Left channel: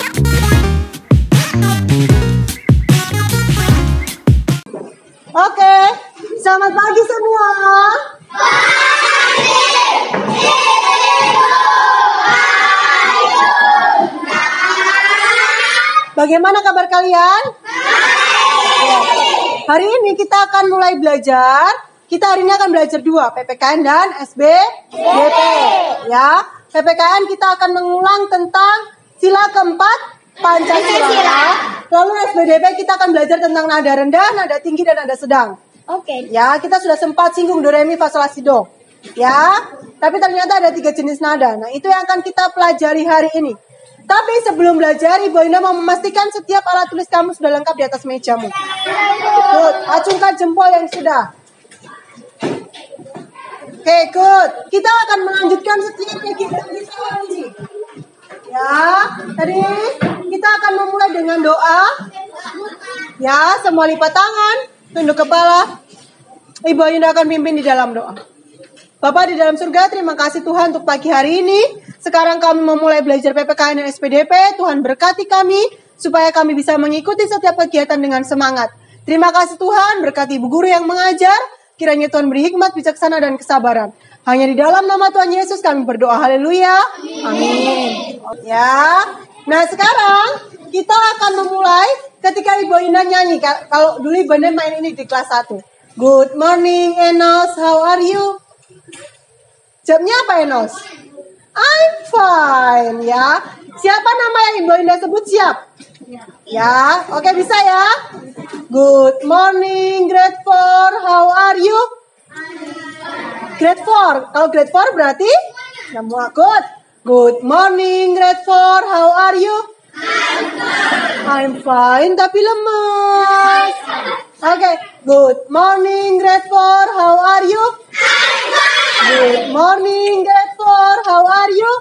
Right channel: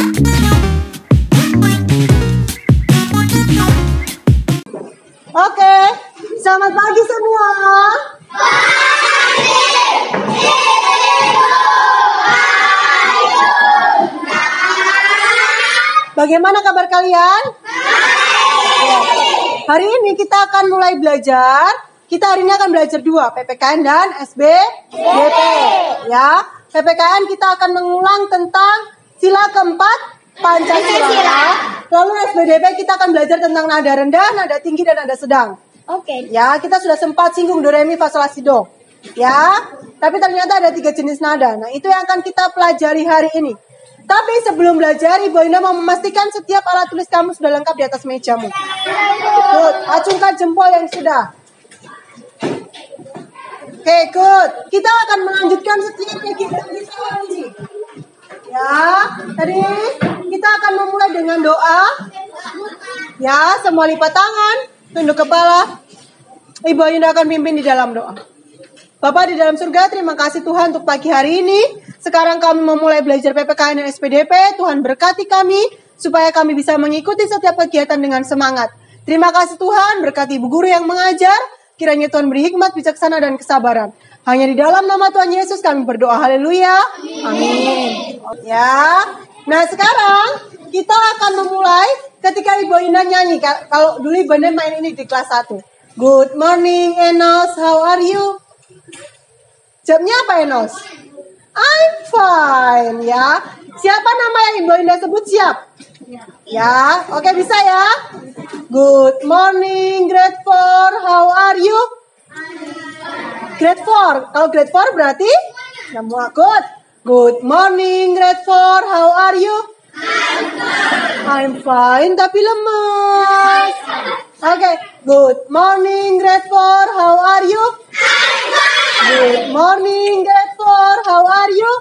Oke, selamat pagi semua. Bagaimana kabar kalian? Hari ini kita akan mulai belajar. Kita hari ini akan belajar dua, PPKN dan SBDP. Ya, PPKN kita akan mengulang tentang sila keempat Pancasila. Lalu SBDP kita akan belajar tentang nada rendah, nada tinggi, dan nada sedang. Oke. Ya, kita sudah sempat singgung do, re, mi, fa, sol, la, si, do. Ya, tapi ternyata ada 3 jenis nada. Nah, itu yang akan kita pelajari hari ini. Tapi sebelum belajar, Ibu Indah mau memastikan setiap alat tulis kamu sudah lengkap di atas mejamu. Good. Acungkan jempol yang sudah. Oke, good. Kita akan melanjutkan setiap kegiatan kita hari ini. Ya, tadi kita akan memulai dengan doa. Ya, semua lipat tangan, tunduk kepala. Ibu Indah akan pimpin di dalam doa. Bapak di dalam surga, terima kasih Tuhan untuk pagi hari ini. Sekarang kami memulai belajar PPKN dan SPDP. Tuhan berkati kami, supaya kami bisa mengikuti setiap kegiatan dengan semangat. Terima kasih Tuhan, berkati ibu guru yang mengajar. Kiranya Tuhan beri hikmat, bijaksana, dan kesabaran. Hanya di dalam nama Tuhan Yesus kami berdoa. Haleluya. Amin. Ya. Nah, sekarang kita akan memulai ketika Ibu Indah nyanyi. Kalau dulu Ibu Indah main ini di kelas 1. Good morning, Enos. How are you? Jawabnya apa, Enos? I'm fine, ya. Siapa nama yang Ibu Indah sebut? Siap? Ya, oke, bisa ya. Good morning, grade 4. How are you? Grade 4. Kalau grade 4 berarti semua good. Good morning, grade 4. How are you? I'm fine, tapi lemas. Oke, good morning, grade 4. How are you? Good morning, grade 4. How are you?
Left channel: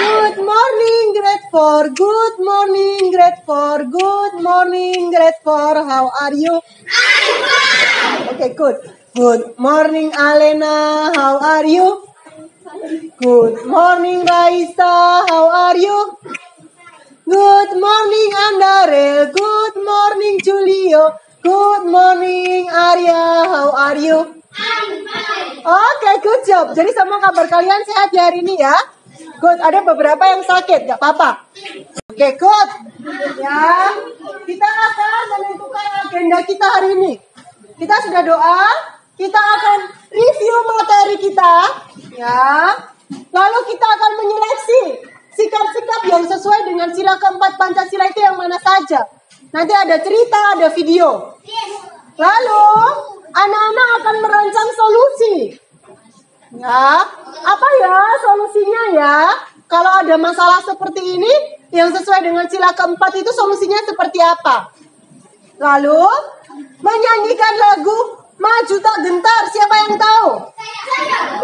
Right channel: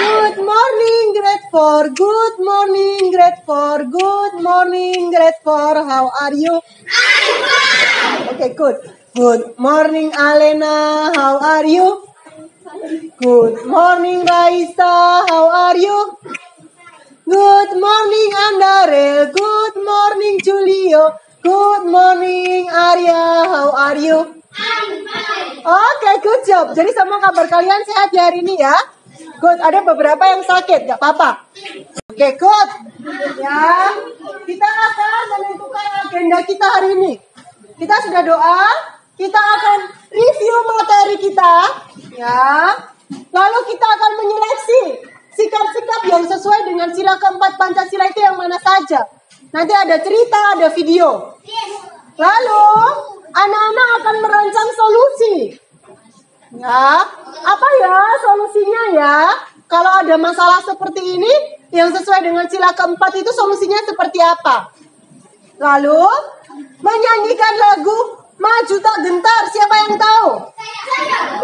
Good morning, grade 4. Good morning, grade 4. Good morning, grade 4. How are you? Okay, good. Good morning, Alena. How are you? Good morning, Raisa. How are you? Good morning, Andarel. Good morning, Julio. Good morning, Arya. How are you? Oke, good job. Jadi semua kabar kalian sehat ya hari ini ya? Good, ada beberapa yang sakit, gak apa-apa. Oke, good. Ya, kita akan menentukan agenda kita hari ini. Kita sudah doa, kita akan review materi kita. Ya, lalu kita akan menyeleksi sikap-sikap yang sesuai dengan sila keempat Pancasila itu yang mana saja. Nanti ada cerita, ada video. Lalu anak-anak akan merancang solusi. Ya, apa ya solusinya ya? Kalau ada masalah seperti ini yang sesuai dengan sila keempat itu solusinya seperti apa? Lalu menyanyikan lagu Maju Tak Gentar. Siapa yang tahu?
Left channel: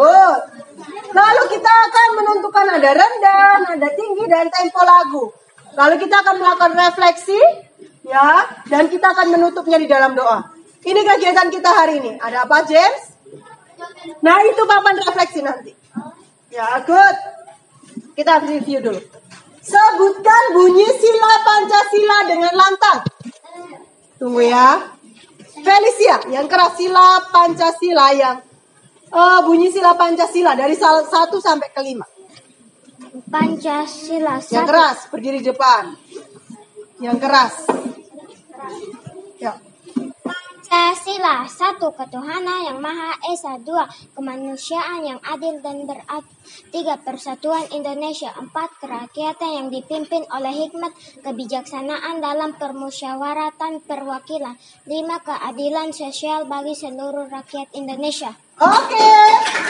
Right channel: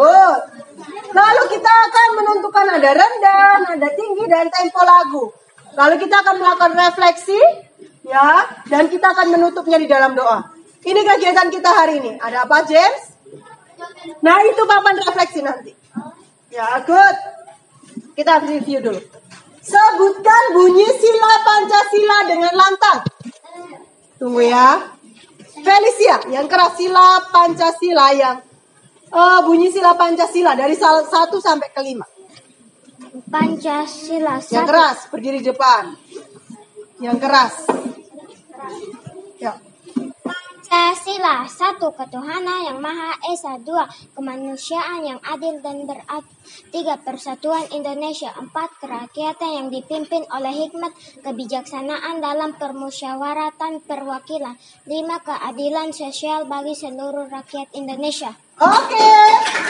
Good. Lalu kita akan menentukan nada rendah, nada tinggi, dan tempo lagu. Lalu kita akan melakukan refleksi, ya, dan kita akan menutupnya di dalam doa. Ini kegiatan kita hari ini. Ada apa, James? Nah, itu papan refleksi nanti. Ya, good. Kita review dulu. Sebutkan bunyi sila Pancasila dengan lantang. Tunggu ya. Felicia, yang keras sila Pancasila yang bunyi sila Pancasila dari 1 sampai ke 5. Pancasila. Yang keras, berdiri depan. Yang keras. Ya. Pancasila, 1. Ketuhanan yang Maha Esa. 2. Kemanusiaan yang adil dan beradab. 3. Persatuan Indonesia. 4. Kerakyatan yang dipimpin oleh hikmat kebijaksanaan dalam permusyawaratan perwakilan. 5. Keadilan sosial bagi seluruh rakyat Indonesia. Oke,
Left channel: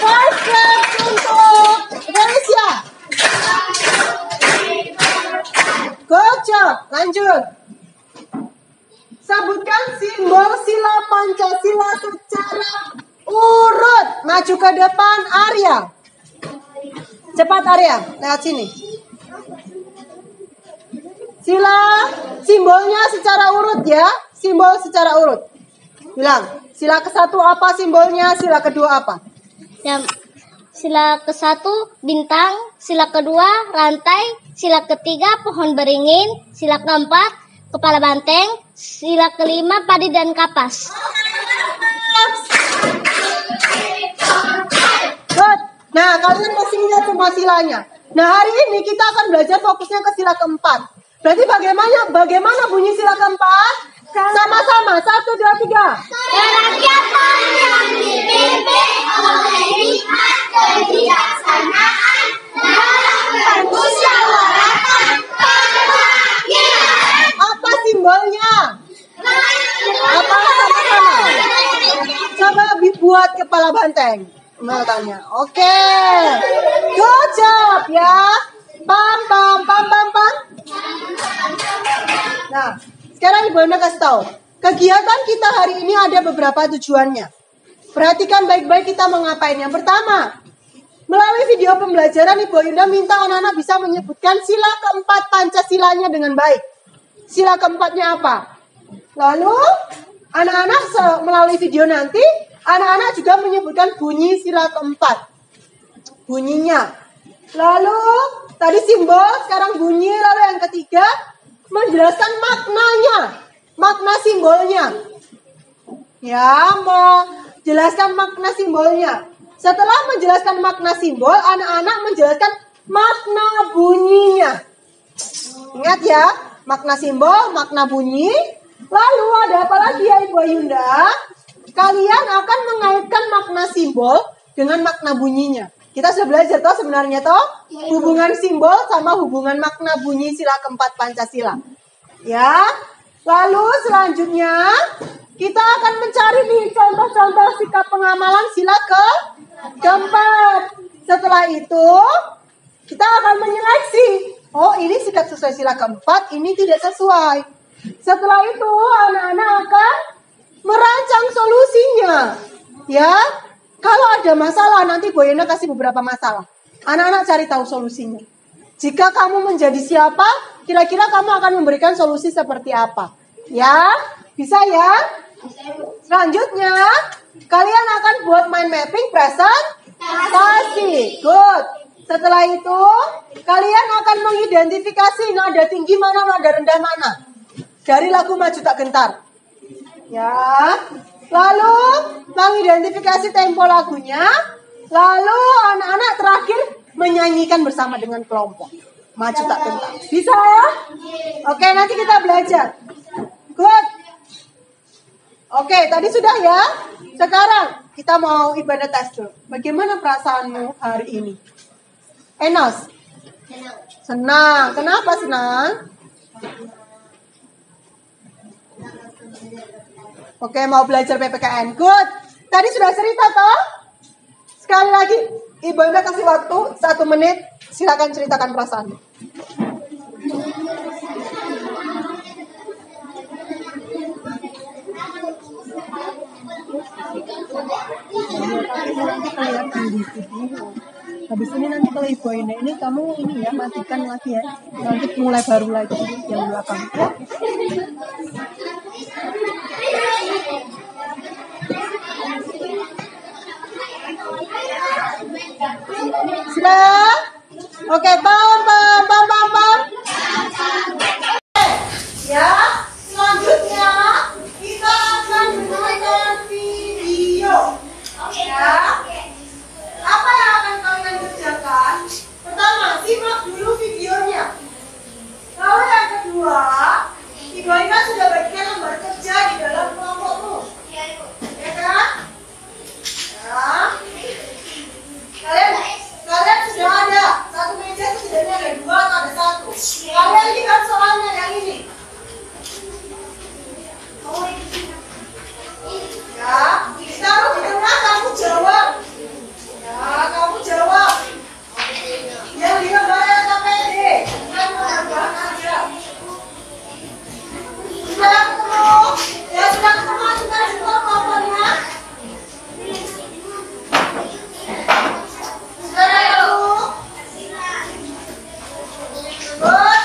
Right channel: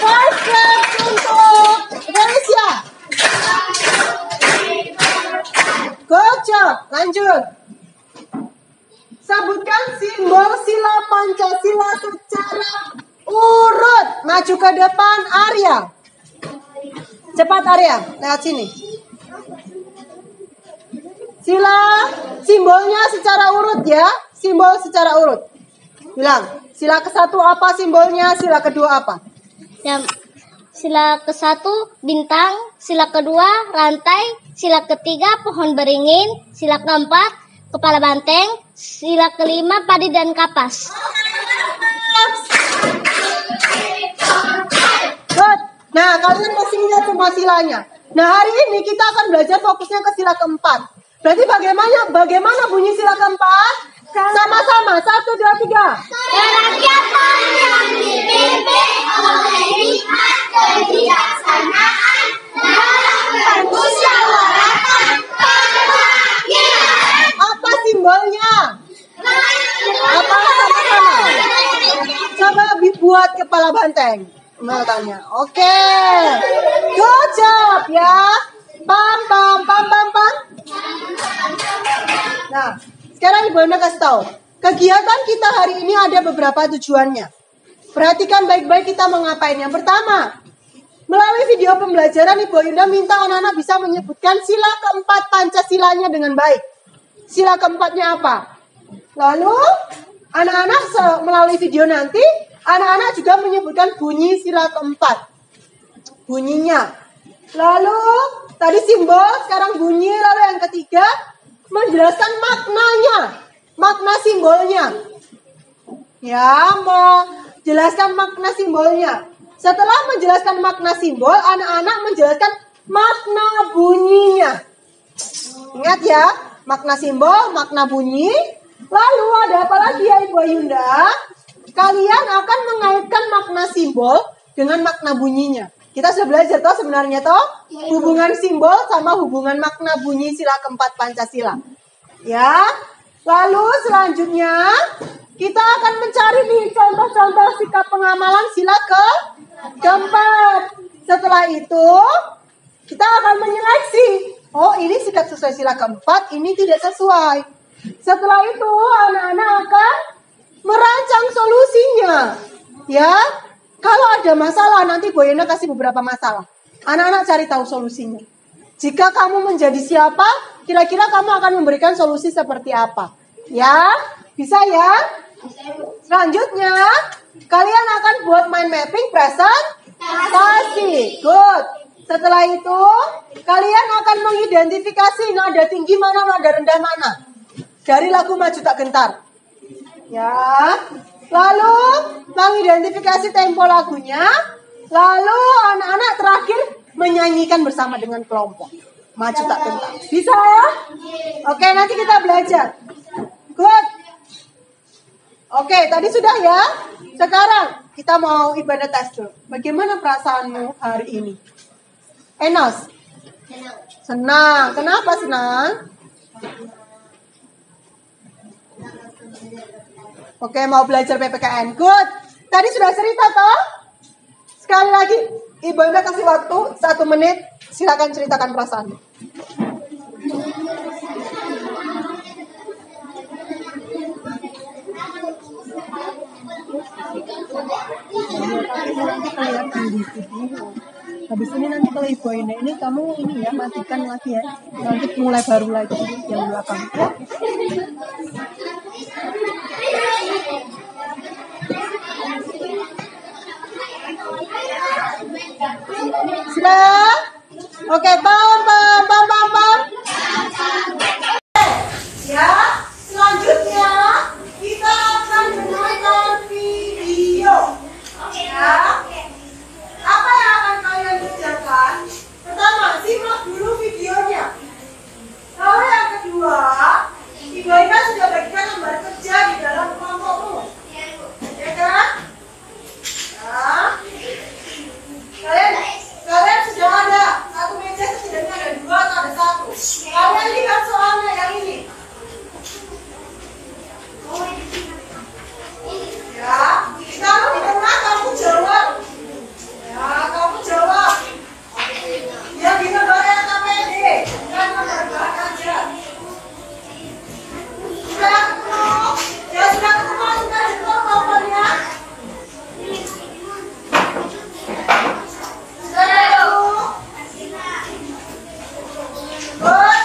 5 claps untuk Indonesia. Good job, lanjut. Sebutkan simbol sila Pancasila secara urut. Maju ke depan, Arya. Cepat Arya, lewat sini. Sila, simbolnya secara urut ya. Simbol secara urut. Bilang, sila ke-1 apa simbolnya, sila kedua apa? sila ke-1 bintang, sila kedua rantai, sila ketiga pohon beringin, sila keempat kepala banteng, sila kelima padi dan kapas. Good. Nah, kalian masih ingat semua silanya. Nah, hari ini kita akan belajar fokusnya ke sila keempat. Berarti bagaimana bunyi sila keempat? Sama-sama, 1, 2, 3. Kerakyatan yang dipimpin oleh hikmat kebijaksanaan dalam permusyawaratan perwakilan. Apa simbolnya? Apa sama-sama? Coba buat kepala banteng. Tanya. Oke. Good job ya. Pam pam pam pam pam. Nah, sekarang Ibu Anda kasih tahu. Kegiatan kita hari ini ada beberapa tujuannya. Perhatikan baik-baik kita mau ngapain. Yang pertama, melalui video pembelajaran Ibu Yunda minta anak-anak bisa menyebutkan sila keempat Pancasilanya dengan baik. Sila keempatnya apa? Lalu, anak-anak melalui video nanti, anak-anak juga menyebutkan bunyi sila keempat. Bunyinya. Lalu, tadi simbol, sekarang bunyi. Lalu yang ketiga, menjelaskan maknanya. Makna simbolnya. Ya, menjelaskan makna simbolnya. Setelah menjelaskan makna simbol, anak-anak menjelaskan makna bunyinya. Ingat ya, makna simbol, makna bunyi. Lalu ada apa lagi ya Ibu Yunda? Kalian akan mengaitkan makna simbol dengan makna bunyinya. Kita sudah belajar toh sebenarnya toh hubungan simbol sama hubungan makna bunyi sila keempat Pancasila. Ya. Lalu selanjutnya kita akan mencari nih contoh-contoh sikap pengamalan sila keempat. Setelah itu kita akan menyeleksi. Oh, ini sikap sesuai sila keempat, ini tidak sesuai. Setelah itu anak-anak akan merancang solusinya. Ya. Kalau ada masalah, nanti Bu Yena kasih beberapa masalah. Anak-anak cari tahu solusinya. Jika kamu menjadi siapa, kira-kira kamu akan memberikan solusi seperti apa? Ya, bisa ya? Selanjutnya, kalian akan buat mind mapping presentasi. Good. Setelah itu, kalian akan mengidentifikasi nada tinggi mana, nada rendah mana. Dari lagu Maju Tak Gentar. Ya. Lalu mengidentifikasi tempo lagunya. Lalu anak-anak terakhir menyanyikan bersama dengan kelompok. Maju Tak Gentar. Bisa ya? Oke, nanti kita belajar. Good. Oke, tadi sudah ya. Sekarang kita mau ibadah tes dulu. Bagaimana perasaanmu hari ini? Enos? Senang. Kenapa senang? Oke, mau belajar PPKN. Good. Tadi sudah cerita toh? Sekali lagi, Ibu Anda kasih waktu 1 menit. Silakan ceritakan perasaan. Habis ini nanti kalau Ibu Anda ini kamu ini ya matikan lagi ya. Nanti mulai baru lagi yang belakang. Ya? Sudah? Oke, pam. Ya, selanjutnya kita akan menonton video. Ya. Apa yang akan kalian kerjakan? Pertama, simak dulu videonya. Lalu yang kedua, Ibu Ina sudah bagikan lembar kerja di dalam kelompokmu. Ya kan? Ya. Kalian sudah ada satu meja, setidaknya ada 2 atau ada 1. Kalian lihat soalnya yang ini. Ya, ditaruh di tengah, kamu jawab. Ya, kamu jawab. Yang di gambarnya KPD, bukan gambar aja. Sudah ketemu? Ya, sudah ketemu, sudah ketemu kompornya. Sudah ketemu? Good.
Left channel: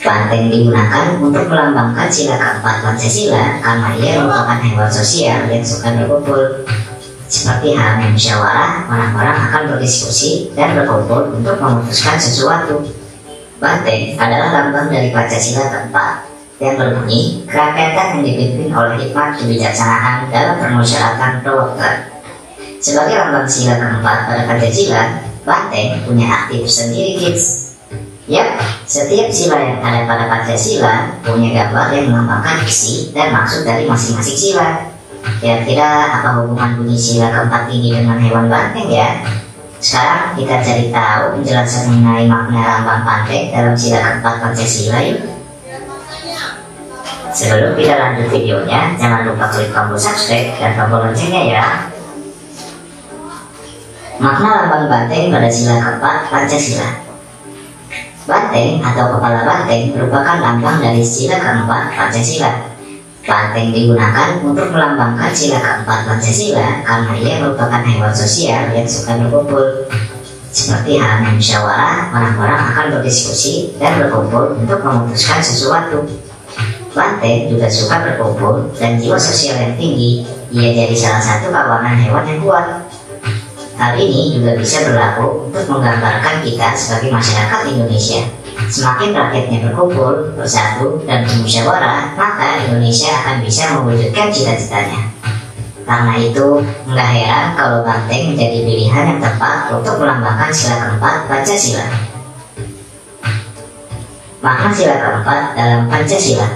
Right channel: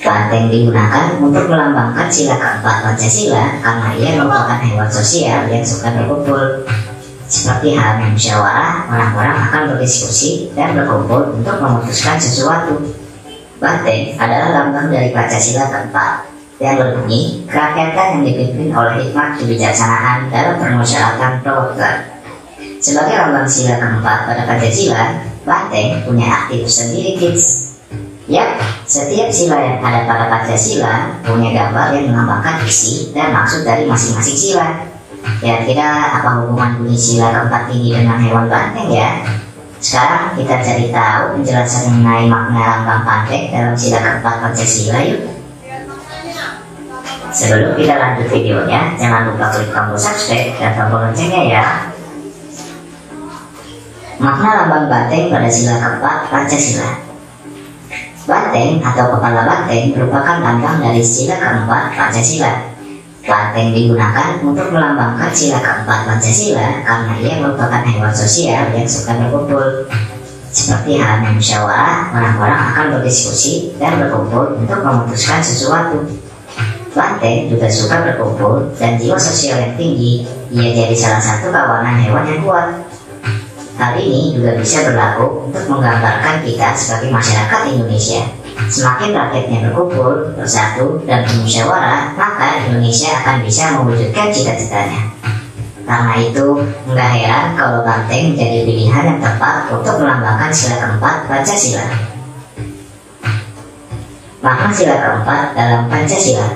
Banteng digunakan untuk melambangkan sila keempat Pancasila karena ia merupakan hewan sosial yang suka berkumpul. Seperti halnya musyawarah, orang-orang akan berdiskusi dan berkumpul untuk memutuskan sesuatu. Banteng adalah lambang dari Pancasila keempat yang berbunyi kerakyatan yang dipimpin oleh hikmat kebijaksanaan dalam permusyawaratan perwakilan. Sebagai lambang sila keempat pada Pancasila, banteng punya aktif sendiri kids. Yap, setiap sila yang ada pada Pancasila punya gambar yang melambangkan isi dan maksud dari masing-masing sila. Kira-kira apa hubungan bunyi sila keempat ini dengan hewan banteng ya? Sekarang kita cari tahu penjelasan mengenai makna lambang banteng dalam sila keempat Pancasila yuk. Sebelum kita lanjut videonya, jangan lupa klik tombol subscribe dan tombol loncengnya ya. Makna lambang banteng pada sila keempat Pancasila. Banteng atau kepala banteng merupakan lambang dari sila keempat Pancasila. Banteng digunakan untuk melambangkan sila keempat Pancasila karena ia merupakan hewan sosial yang suka berkumpul. Seperti halnya musyawarah, orang-orang akan berdiskusi dan berkumpul untuk memutuskan sesuatu. Banteng juga suka berkumpul dan jiwa sosial yang tinggi. Ia jadi salah satu kawanan hewan yang kuat. Hal ini juga bisa berlaku untuk menggambarkan kita sebagai masyarakat Indonesia. Semakin rakyatnya berkumpul, bersatu, dan bermusyawarah, maka Indonesia akan bisa mewujudkan cita-citanya. Karena itu, nggak heran kalau banteng menjadi pilihan yang tepat untuk melambangkan sila keempat Pancasila. Makna sila keempat dalam Pancasila.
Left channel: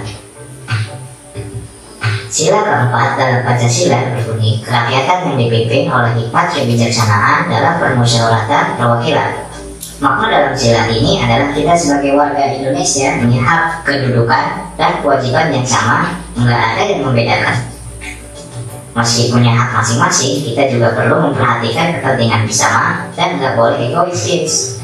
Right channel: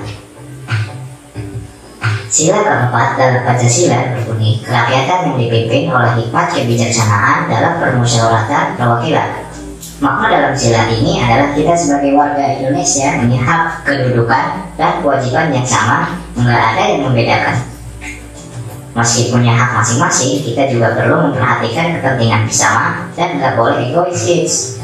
Sila keempat dalam Pancasila berbunyi kerakyatan yang dipimpin oleh hikmat kebijaksanaan dalam permusyawaratan perwakilan. Makna dalam sila ini adalah kita sebagai warga Indonesia punya hak, kedudukan, dan kewajiban yang sama, nggak ada yang membedakan. Meski punya hak masing-masing, kita juga perlu memperhatikan kepentingan bersama dan nggak boleh egois kids.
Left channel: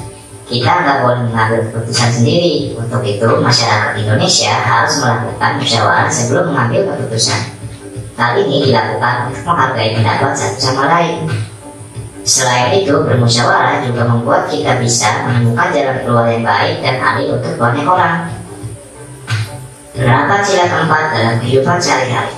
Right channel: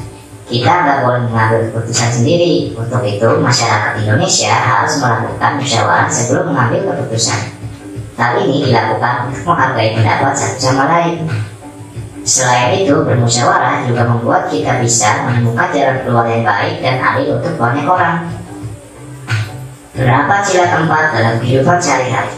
Kita nggak boleh mengambil keputusan sendiri. Untuk itu, masyarakat Indonesia harus melakukan musyawarah sebelum mengambil keputusan. Hal ini dilakukan untuk menghargai pendapat satu sama lain. Selain itu, bermusyawarah juga membuat kita bisa menemukan jalan keluar yang baik dan adil untuk banyak orang. Penerapan sila keempat dalam kehidupan sehari-hari.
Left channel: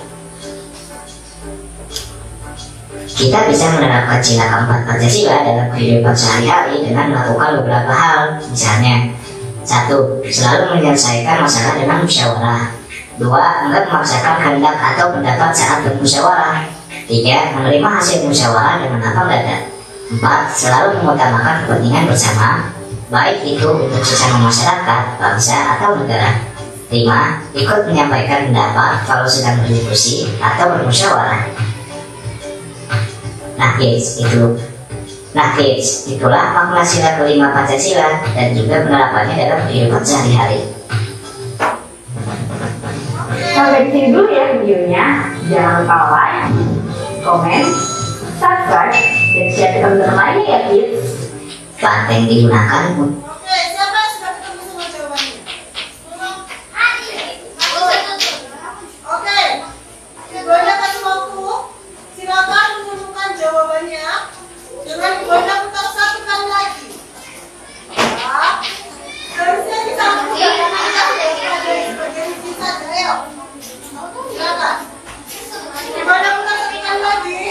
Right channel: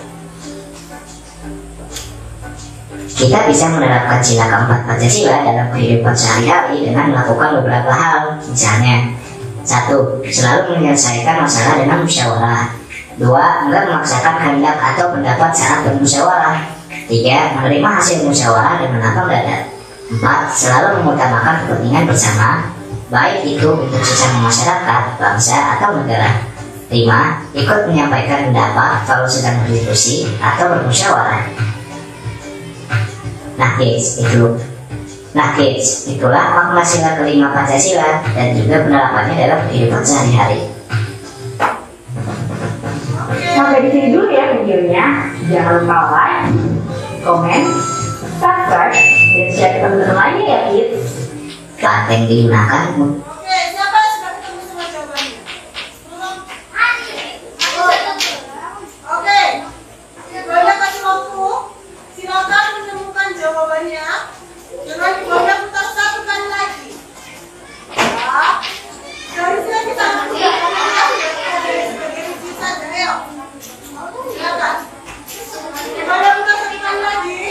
Kita bisa menerapkan sila keempat Pancasila dalam kehidupan sehari-hari dengan melakukan beberapa hal. Misalnya, 1. Selalu menyelesaikan masalah dengan musyawarah. 2. Enggak memaksakan kehendak atau pendapat saat bermusyawarah. 3. Menerima hasil musyawarah dengan lapang dada. 4. Selalu mengutamakan kepentingan bersama, baik itu untuk sesama masyarakat, bangsa, atau negara. 5. Ikut menyampaikan pendapat kalau sedang berdiskusi atau bermusyawarah. Nah kids, itulah makna sila kelima Pancasila dan juga penerapannya dalam kehidupan sehari-hari. Sampai di sini dulu ya videonya. Jangan lupa like, komen, subscribe, dan share ke teman-teman lainnya ya kids. Banteng digunakan Oke, siapa yang sudah ketemu sama jawabannya? Oke, Ibunda kasih waktu. Silakan menemukan jawabannya dengan Ibunda putar satu kali lagi. Ya, dari sini kita lakukan dari sebagian sisa ayo. Silakan. Ibunda putar satu kali lagi.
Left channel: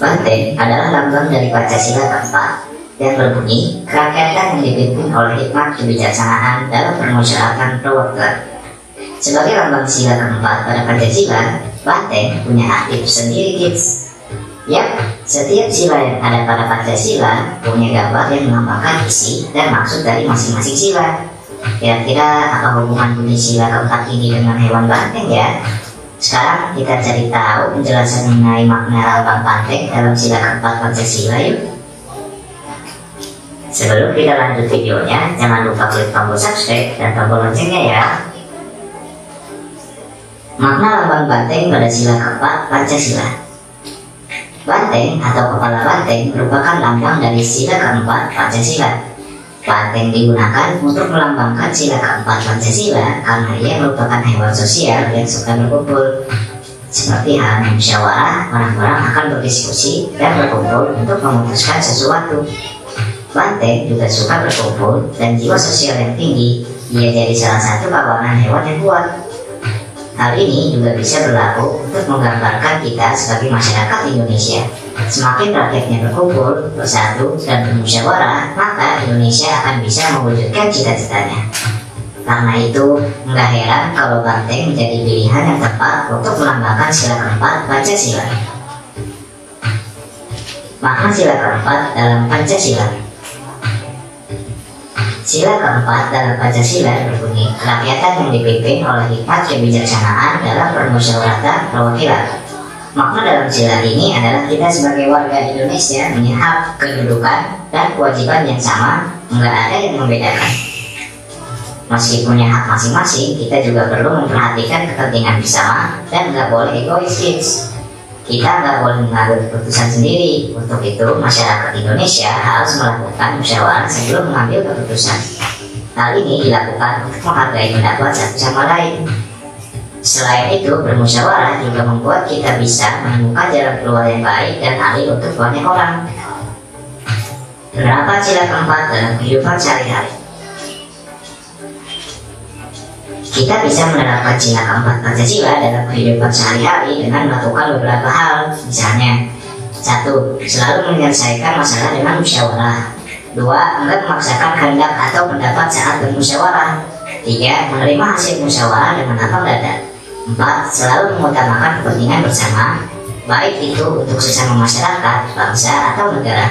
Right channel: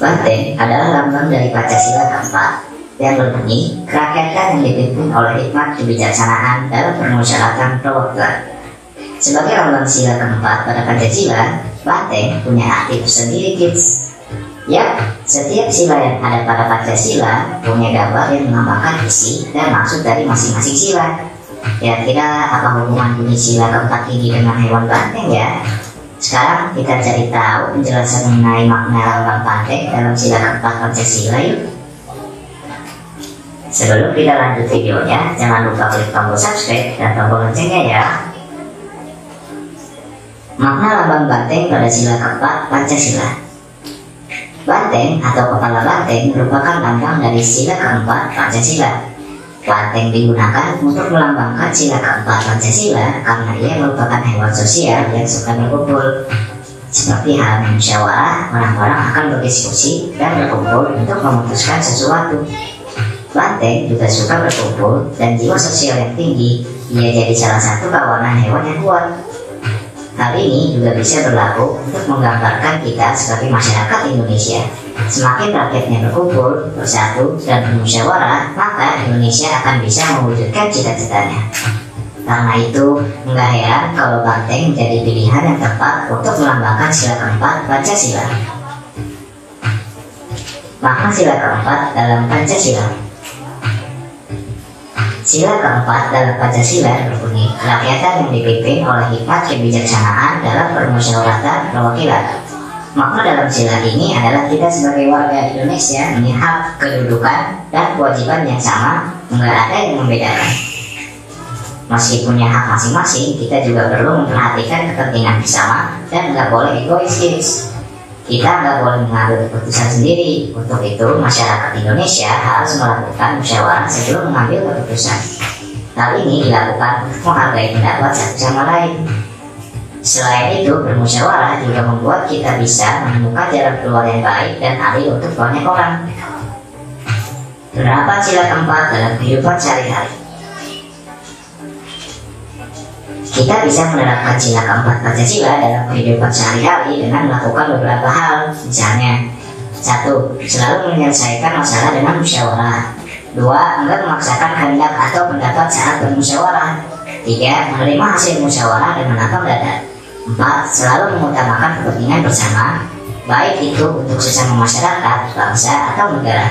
Banteng adalah lambang dari Pancasila keempat yang berbunyi kerakyatan yang dipimpin oleh hikmat kebijaksanaan dalam permusyawaratan perwakilan. Sebagai lambang sila keempat pada Pancasila, banteng punya aktif sendiri kids. Yap, setiap sila yang ada pada Pancasila punya gambar yang melambangkan isi dan maksud dari masing-masing sila. Kira-kira apa hubungan bunyi sila keempat ini dengan hewan banteng ya? Sekarang kita cari tahu penjelasan mengenai makna lambang banteng dalam sila keempat Pancasila yuk. Sebelum kita lanjut videonya, jangan lupa klik tombol subscribe dan tombol loncengnya ya. Makna lambang banteng pada sila keempat Pancasila. Banteng atau kepala banteng merupakan lambang dari sila keempat Pancasila. Banteng digunakan untuk melambangkan sila keempat Pancasila karena ia merupakan hewan sosial yang suka berkumpul. Seperti halnya musyawarah, orang-orang akan berdiskusi dan berkumpul untuk memutuskan sesuatu. Banteng juga suka berkumpul dan jiwa sosial yang tinggi. Ia jadi salah satu kawanan hewan yang kuat. Hal ini juga bisa berlaku untuk menggambarkan kita sebagai masyarakat Indonesia. Semakin rakyatnya berkumpul, bersatu, dan bermusyawarah, maka Indonesia akan bisa mewujudkan cita-citanya. Karena itu, nggak heran kalau banteng menjadi pilihan yang tepat untuk melambangkan sila keempat Pancasila. Makna sila keempat dalam Pancasila. Sila keempat dalam Pancasila berbunyi, kerakyatan yang dipimpin oleh hikmat kebijaksanaan dalam permusyawaratan perwakilan. Makna dalam sila ini adalah kita sebagai warga Indonesia punya hak, kedudukan, dan kewajiban yang sama, nggak ada yang membedakan. Meski punya hak masing-masing, kita juga perlu memperhatikan kepentingan bersama dan nggak boleh egois, kids. Kita nggak boleh mengambil keputusan sendiri. Untuk itu, masyarakat Indonesia harus melakukan musyawarah sebelum mengambil keputusan. Hal ini dilakukan untuk menghargai pendapat satu sama lain. Selain itu, bermusyawarah juga membuat kita bisa menemukan jalan keluar yang baik dan adil untuk banyak orang. Penerapan sila keempat dalam kehidupan sehari-hari. Kita bisa menerapkan sila keempat Pancasila dalam kehidupan sehari-hari dengan melakukan beberapa hal. Misalnya, 1. Selalu menyelesaikan masalah dengan musyawarah. 2. Enggak memaksakan kehendak atau pendapat saat bermusyawarah. 3. Menerima hasil musyawarah dengan lapang dada. 4. Selalu mengutamakan kepentingan bersama, baik itu untuk sesama masyarakat, bangsa, atau negara.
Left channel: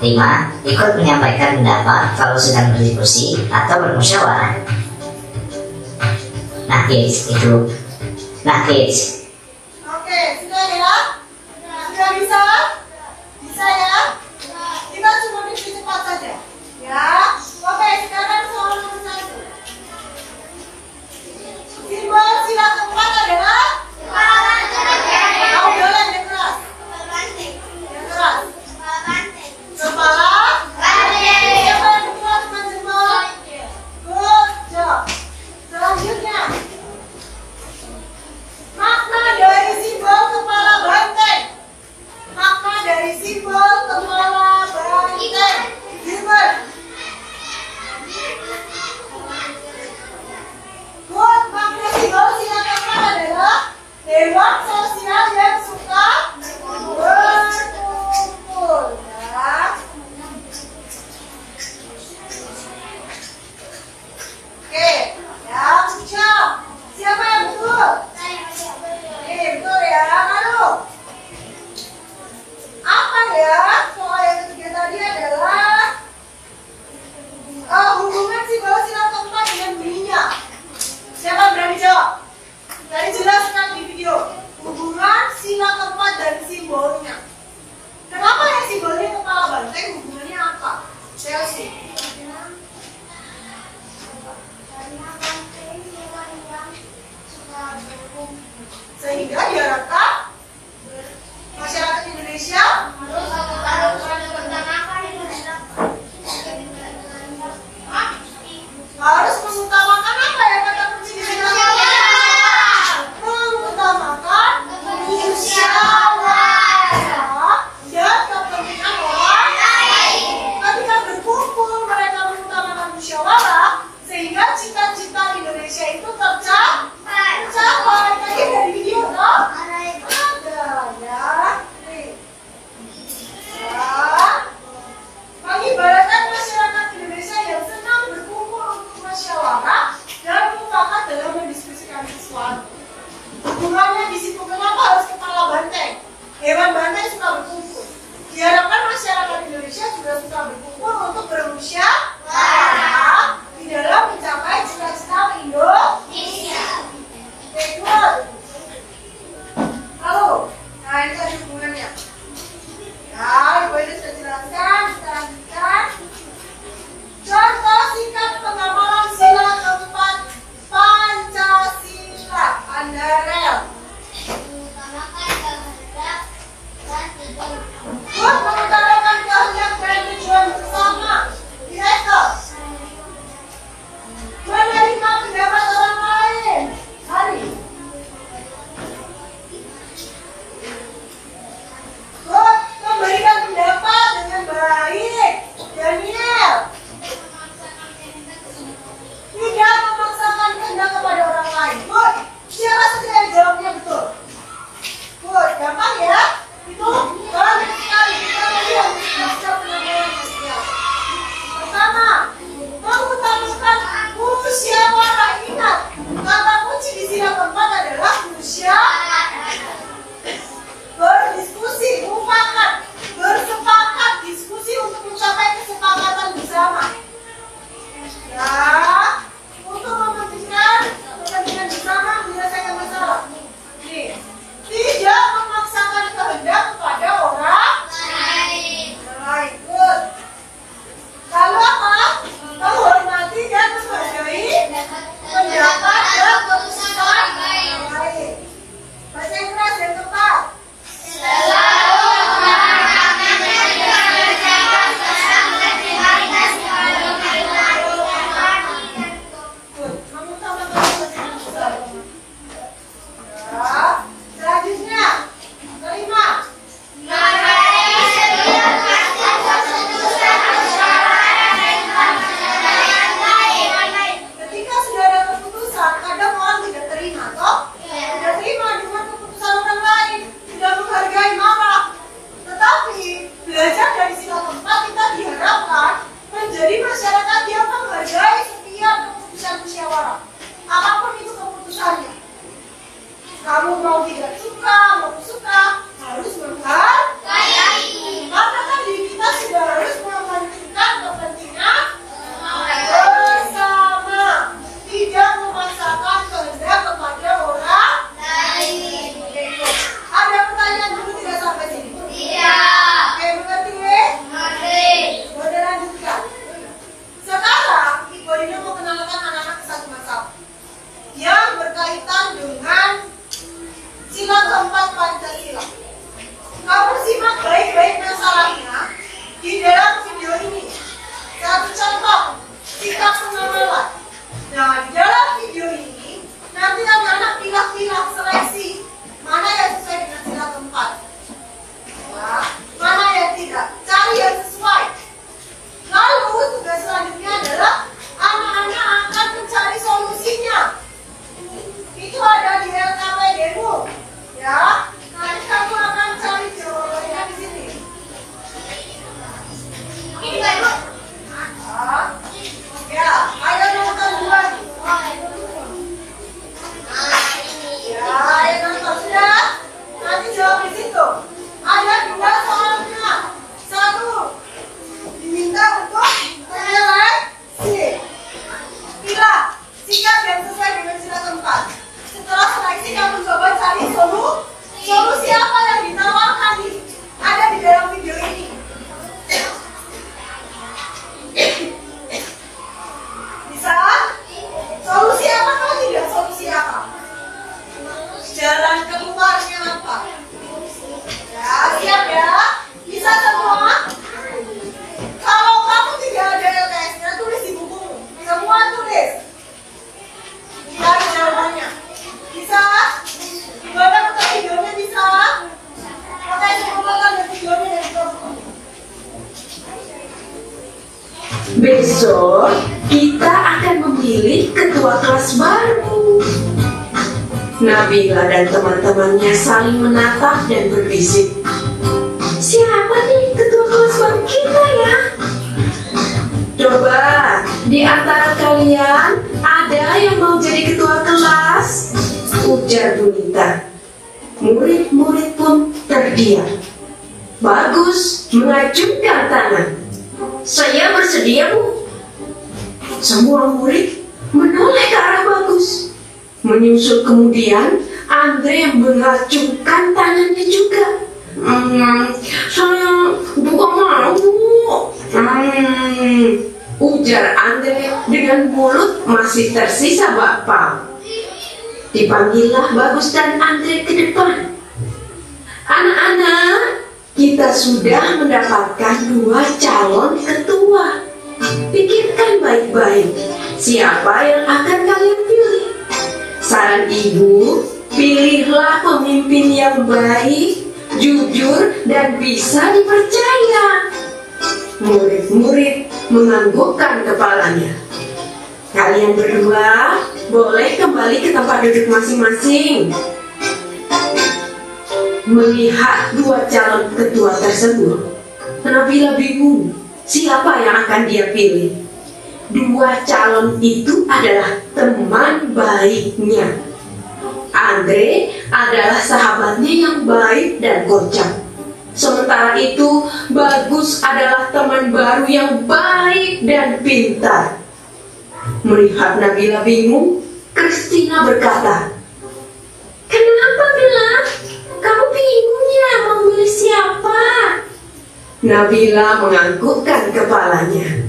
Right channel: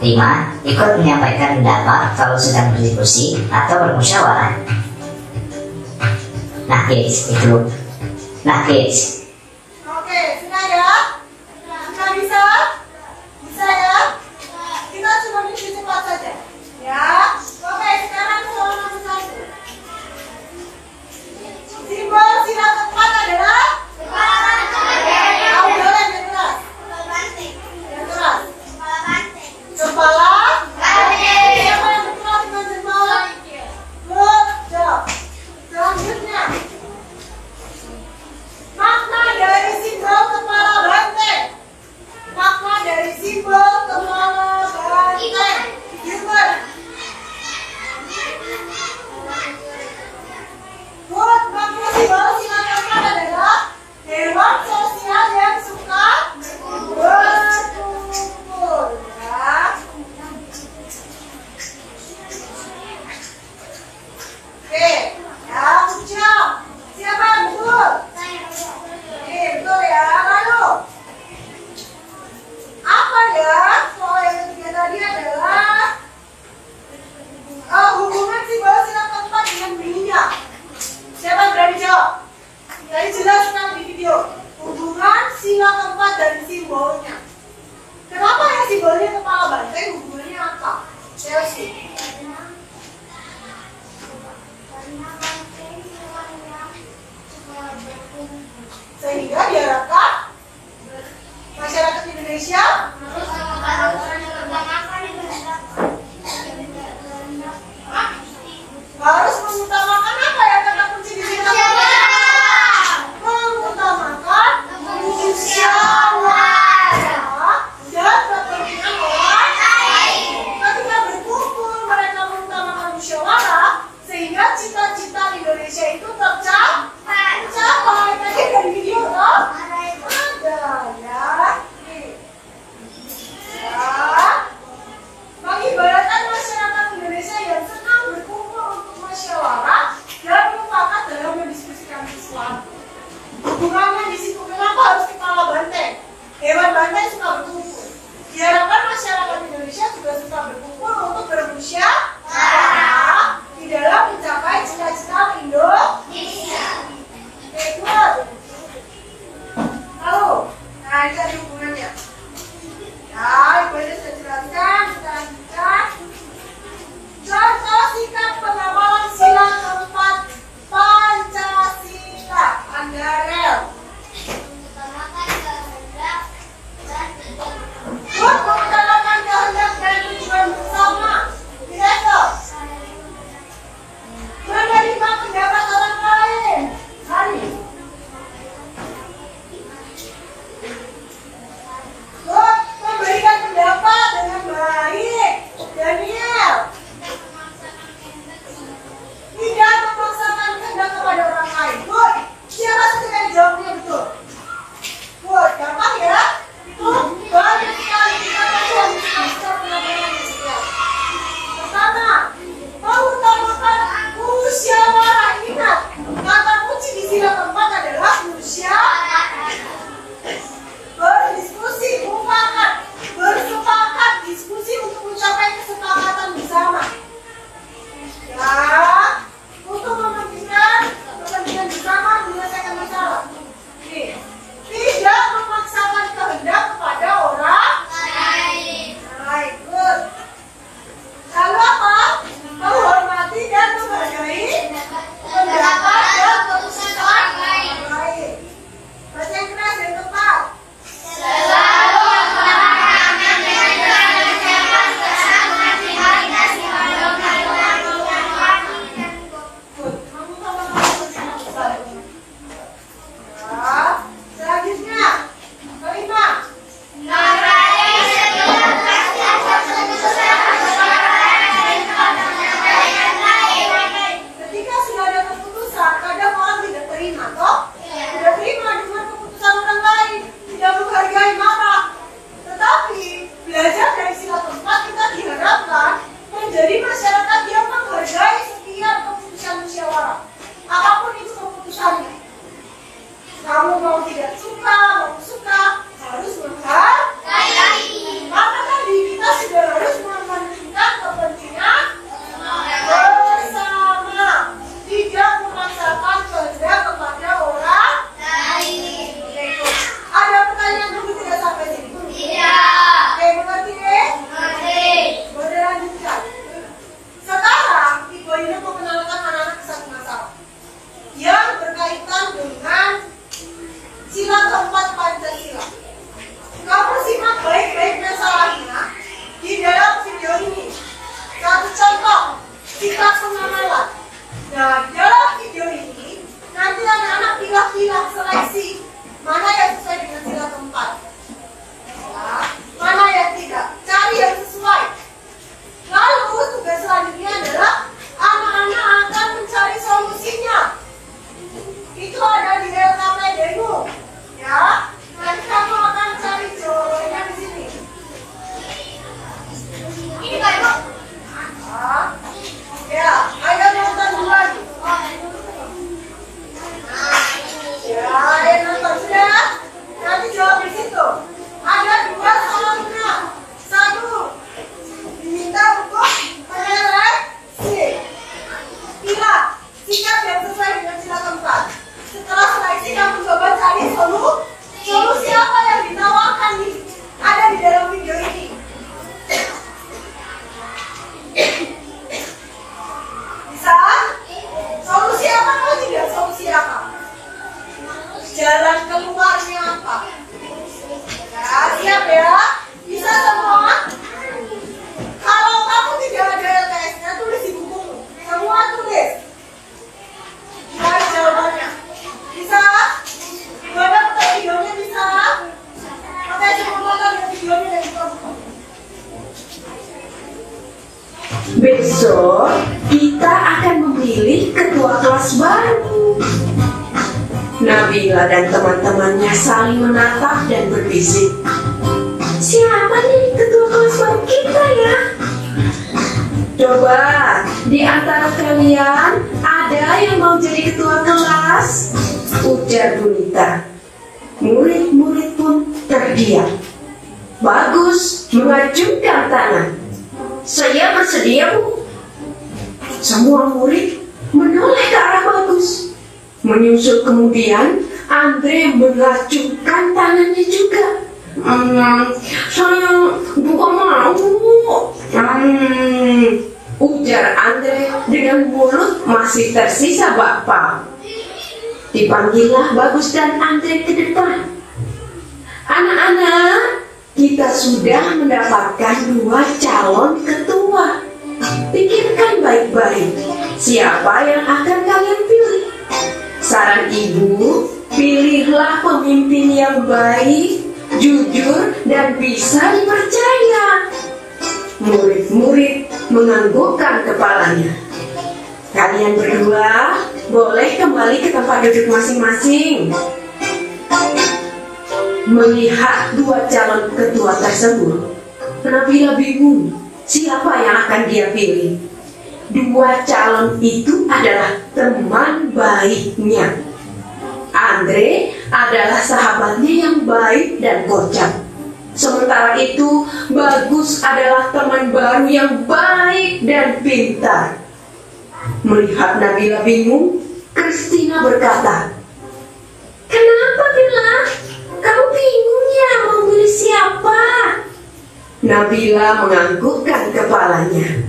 5. Ikut menyampaikan pendapat kalau sedang berdiskusi atau bermusyawarah. Nah kids, itu. Nah kids. Oke, sudah ya? Sudah bisa? Bisa ya? Kita cuma bikin cepat saja. Ya. Oke, sekarang soal nomor 1. Simbol sila keempat adalah kepala banteng. Audolan yang keras. Yang keras. Kepala banteng. Siapa yang kenal dengan simbol? Good job. Selanjutnya, makna dari simbol kepala banteng. Makna dari simbol kepala banteng. Gilbert. Good. Makna simbol sila keempat adalah hewan sosial yang suka berkumpul. Ya. Oke. Yang jam. Siapa yang betul? Oke, betul ya. Lalu, apa ya? Soal yang ketiga tadi adalah hubungan simbol sila keempat dengan minyak. Siapa yang berani jawab? Tadi jelas kan di video. Hubungan sila keempat dan simbolnya. Kenapa ya simbolnya kepala banteng? Hubungannya apa? Chelsea. Sehingga diharapkan masyarakat Indonesia harus mengutamakan apa ya kata kunci di sini? Mengutamakan musyawarah dan kepentingan orang lain. Ketika berkumpul mereka mengutamakan musyawarah sehingga cita-cita Indonesia itu tercapai. Tadi dari video loh. Ada ya. Nih. Ya. Mengibaratkan masyarakat Indonesia yang senang berkumpul untuk musyawarah dan mufakat dalam mendiskusikan sesuatu. Hubungannya di situ kenapa harus kepala banteng? Hewan banteng suka berkumpul. Diharapkan masyarakat Indonesia juga suka berkumpul untuk bermusyawarah di dalam mencapai cita-cita Indonesia. Oke, good. Lalu, nah ini tadi hubungannya. Ya, Ibu ini sudah jelaskan. Kita lanjutkan. Contoh singkat pengamalan sila keempat Pancasila. Andrel. Good, mengutamakan kehendak dan tujuan bersama. Direktur. Kamu mau tidak suka, mau suka, harus menghargai. Karena tadi kita sudah harus mementingkan kepentingan bersama, tidak memaksakan kehendak kepada orang lain. Ada pertanyaan dulu tidak sampai sini? Tidak. Oke, mengerti? Boleh lanjutkan. Sekarang Ibu ini mau mengenalkan anak-anak satu masalah yang berkaitan dengan sila keempat Pancasila. Kamu simak baik-baik masalahnya di dalam video ini. Satu contoh, sikap pengenalan. Nah, di dalam video ini nanti anak-anak pilah-pilah seleksi mana yang sesuai dengan sila keempat, nah, mana yang tidak. Cari yang sesuai. Lalu tugas selanjutnya adalah anak-anak akan mencari solusinya. Itu ada di LKPD-mu, ya. Nanti kamu akan cari jawabannya di sini. Ini Pak Ibu. Ya, ayo nonton duluan. Ya, ayo nonton sudah. Nanti jawab di situ. Ada dua soalnya. Satu, diminta untuk seleksi. Pilih sikap yang sesuai dengan sila keempat. Setelah seleksi, kamu coba cari solusi apa yang ditawarkan nih. Ada di dalam video ini. Bisa? Solusi apa kalau tidak? Solusi apa? Jalan keluarnya apa? Ya, siap ya? Bisa semua? Kalau kamu tidak ada LKS-nya, tulis di bukumu. Semua tulis. Cari jawabannya. Bisa? Gimana nonton videonya bisa? Oke, coba nonton videonya dan buku. Besok kita akan memilih ketua kelas baru. Nabila dan teman-temannya saling menatap dan berbisik. Siapa nih ketua kelas baru kita ya? Coba di antara kalian ada yang mau jadi ketua kelas? Ujar Bunita. Murid-murid pun terdiam. Bagus mengacungkan tangan. Saya bersedia, Bu. Semua murid menoleh ke arah Bagus. Menyusul kemudian Andre mengacungkan tangannya juga. Saya bukan mau, Bu. Ujar Andre dengan mulut masih tersisa bakpao. Dipanggillah Bagus dan Andre ke depan. Anak-anak, kita sudah mendapatkan 2 calon ketua. Pikirkan baik-baik, siapa yang akan kalian pilih? Saran ibu, pilihlah pemimpin yang baik, jujur, dan bisa dipercaya. Murid-murid menganggukkan kepalanya. Kalian berdua boleh kembali ke tempat duduk masing-masing. Melihat 2 calon ketua tersebut, Nabila bingung siapa yang akan dia pilih. 2 calon itu adalah teman baiknya. Andre adalah sahabatnya yang baik dan kocak. Sementara itu, Bagus adalah teman baru yang baik dan pintar. Melihat Nabila bingung, Kristina berkata, "Kenapa, Bella? Kamu bingung ya mau milih siapa?" Nabila menganggukkan kepalanya.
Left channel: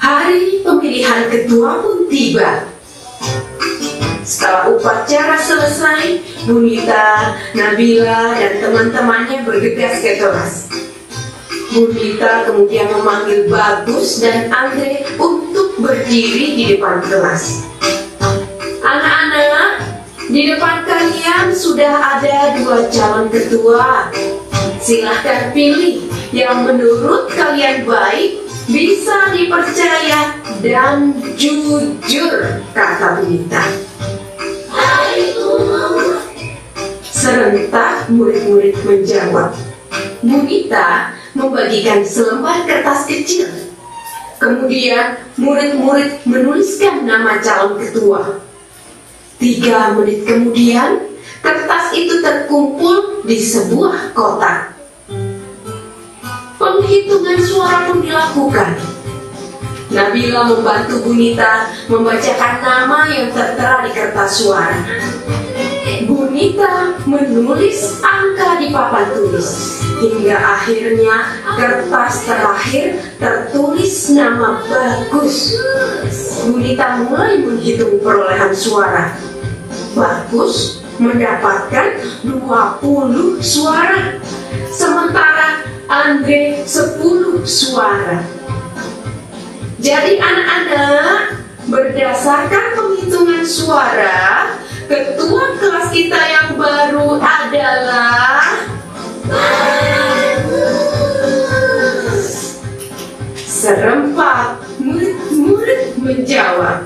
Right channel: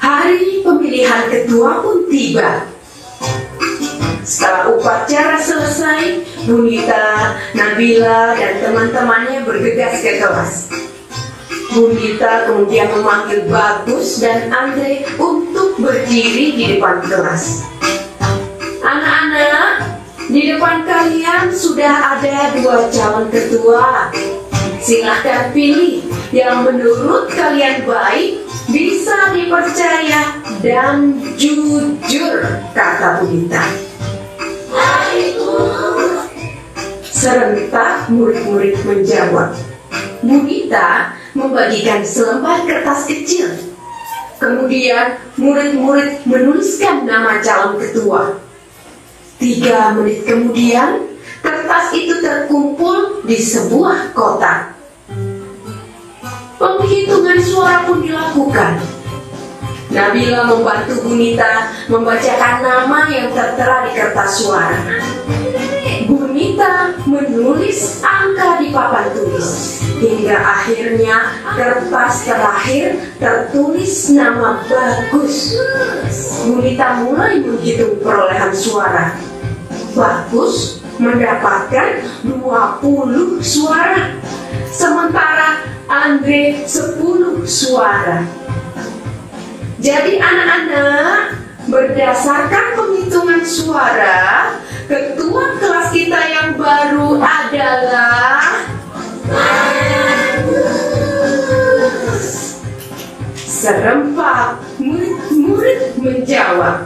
Hari pemilihan ketua pun tiba. Setelah upacara selesai, Bunita, Nabila, dan teman-temannya bergegas ke kelas. Bunita kemudian memanggil Bagus dan Andre untuk berdiri di depan kelas. Anak-anak, di depan kalian sudah ada 2 calon ketua. Silahkan pilih yang menurut kalian baik, bisa dipercaya, dan jujur, kata Bunita. Serentak murid-murid menjawab. Bunita membagikan selembar kertas kecil. Kemudian murid-murid menuliskan nama calon ketua. 3 menit kemudian, kertas itu terkumpul di sebuah kotak. Penghitungan suara pun dilakukan. Nabila membantu Bunita membacakan nama yang tertera di kertas suara. Bunita menulis angka di papan tulis. Hingga akhirnya kertas terakhir tertulis nama Bagus. Bunita mulai menghitung perolehan suara. Bagus mendapatkan 20 suara. Sementara Andre 10 suara. Jadi anak-anak, berdasarkan penghitungan suara, ketua kelas kita yang baru adalah serempak murid-murid menjawab.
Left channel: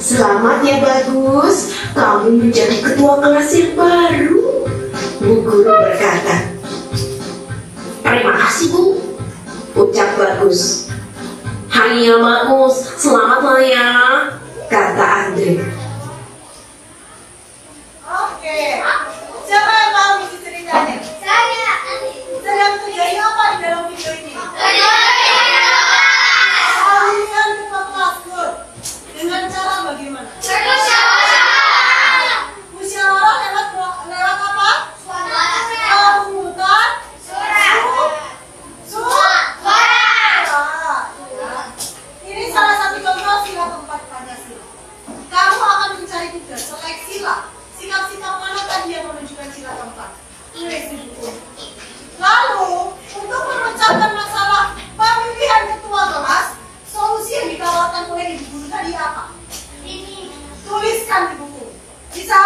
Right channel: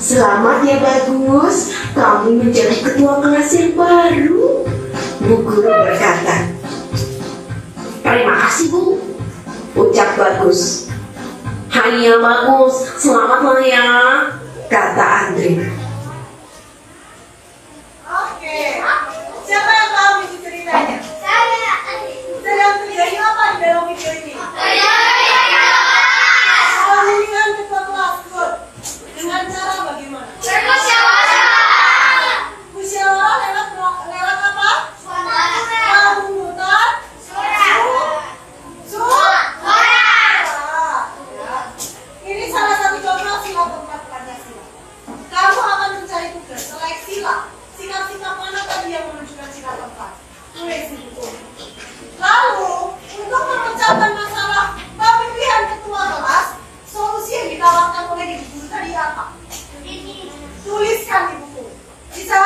Selamat ya Bagus, kamu menjadi ketua kelas yang baru. Bu guru berkata. Terima kasih Bu, ucap Bagus. Hai ya Bagus, selamat ya, kata Andre. Oke, siapa yang tahu isi ceritanya? Saya. Sedang terjadi apa di dalam video ini? Dengan ketua kelas, good. Dengan cara bagaimana? Musyawarah lewat apa? Pemungutan suara. Ini salah satu contoh sila keempat Pancasila. Kamu akan mencari tugas selain sila. Sikap-sikap mana tadi yang menunjukkan sila keempat? Tulis di buku. Lalu, untuk memecahkan masalah pemilihan ketua kelas, solusi yang ditawarkan oleh ibu guru tadi apa? Tuliskan di buku. Bisa?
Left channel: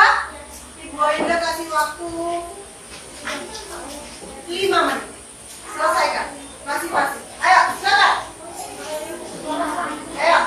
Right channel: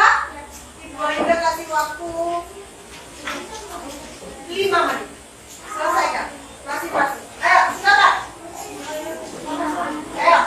Ibu Ainda kasih waktu 5 menit. Selesaikan. Masih-masih. Ayo, silakan. Ayo.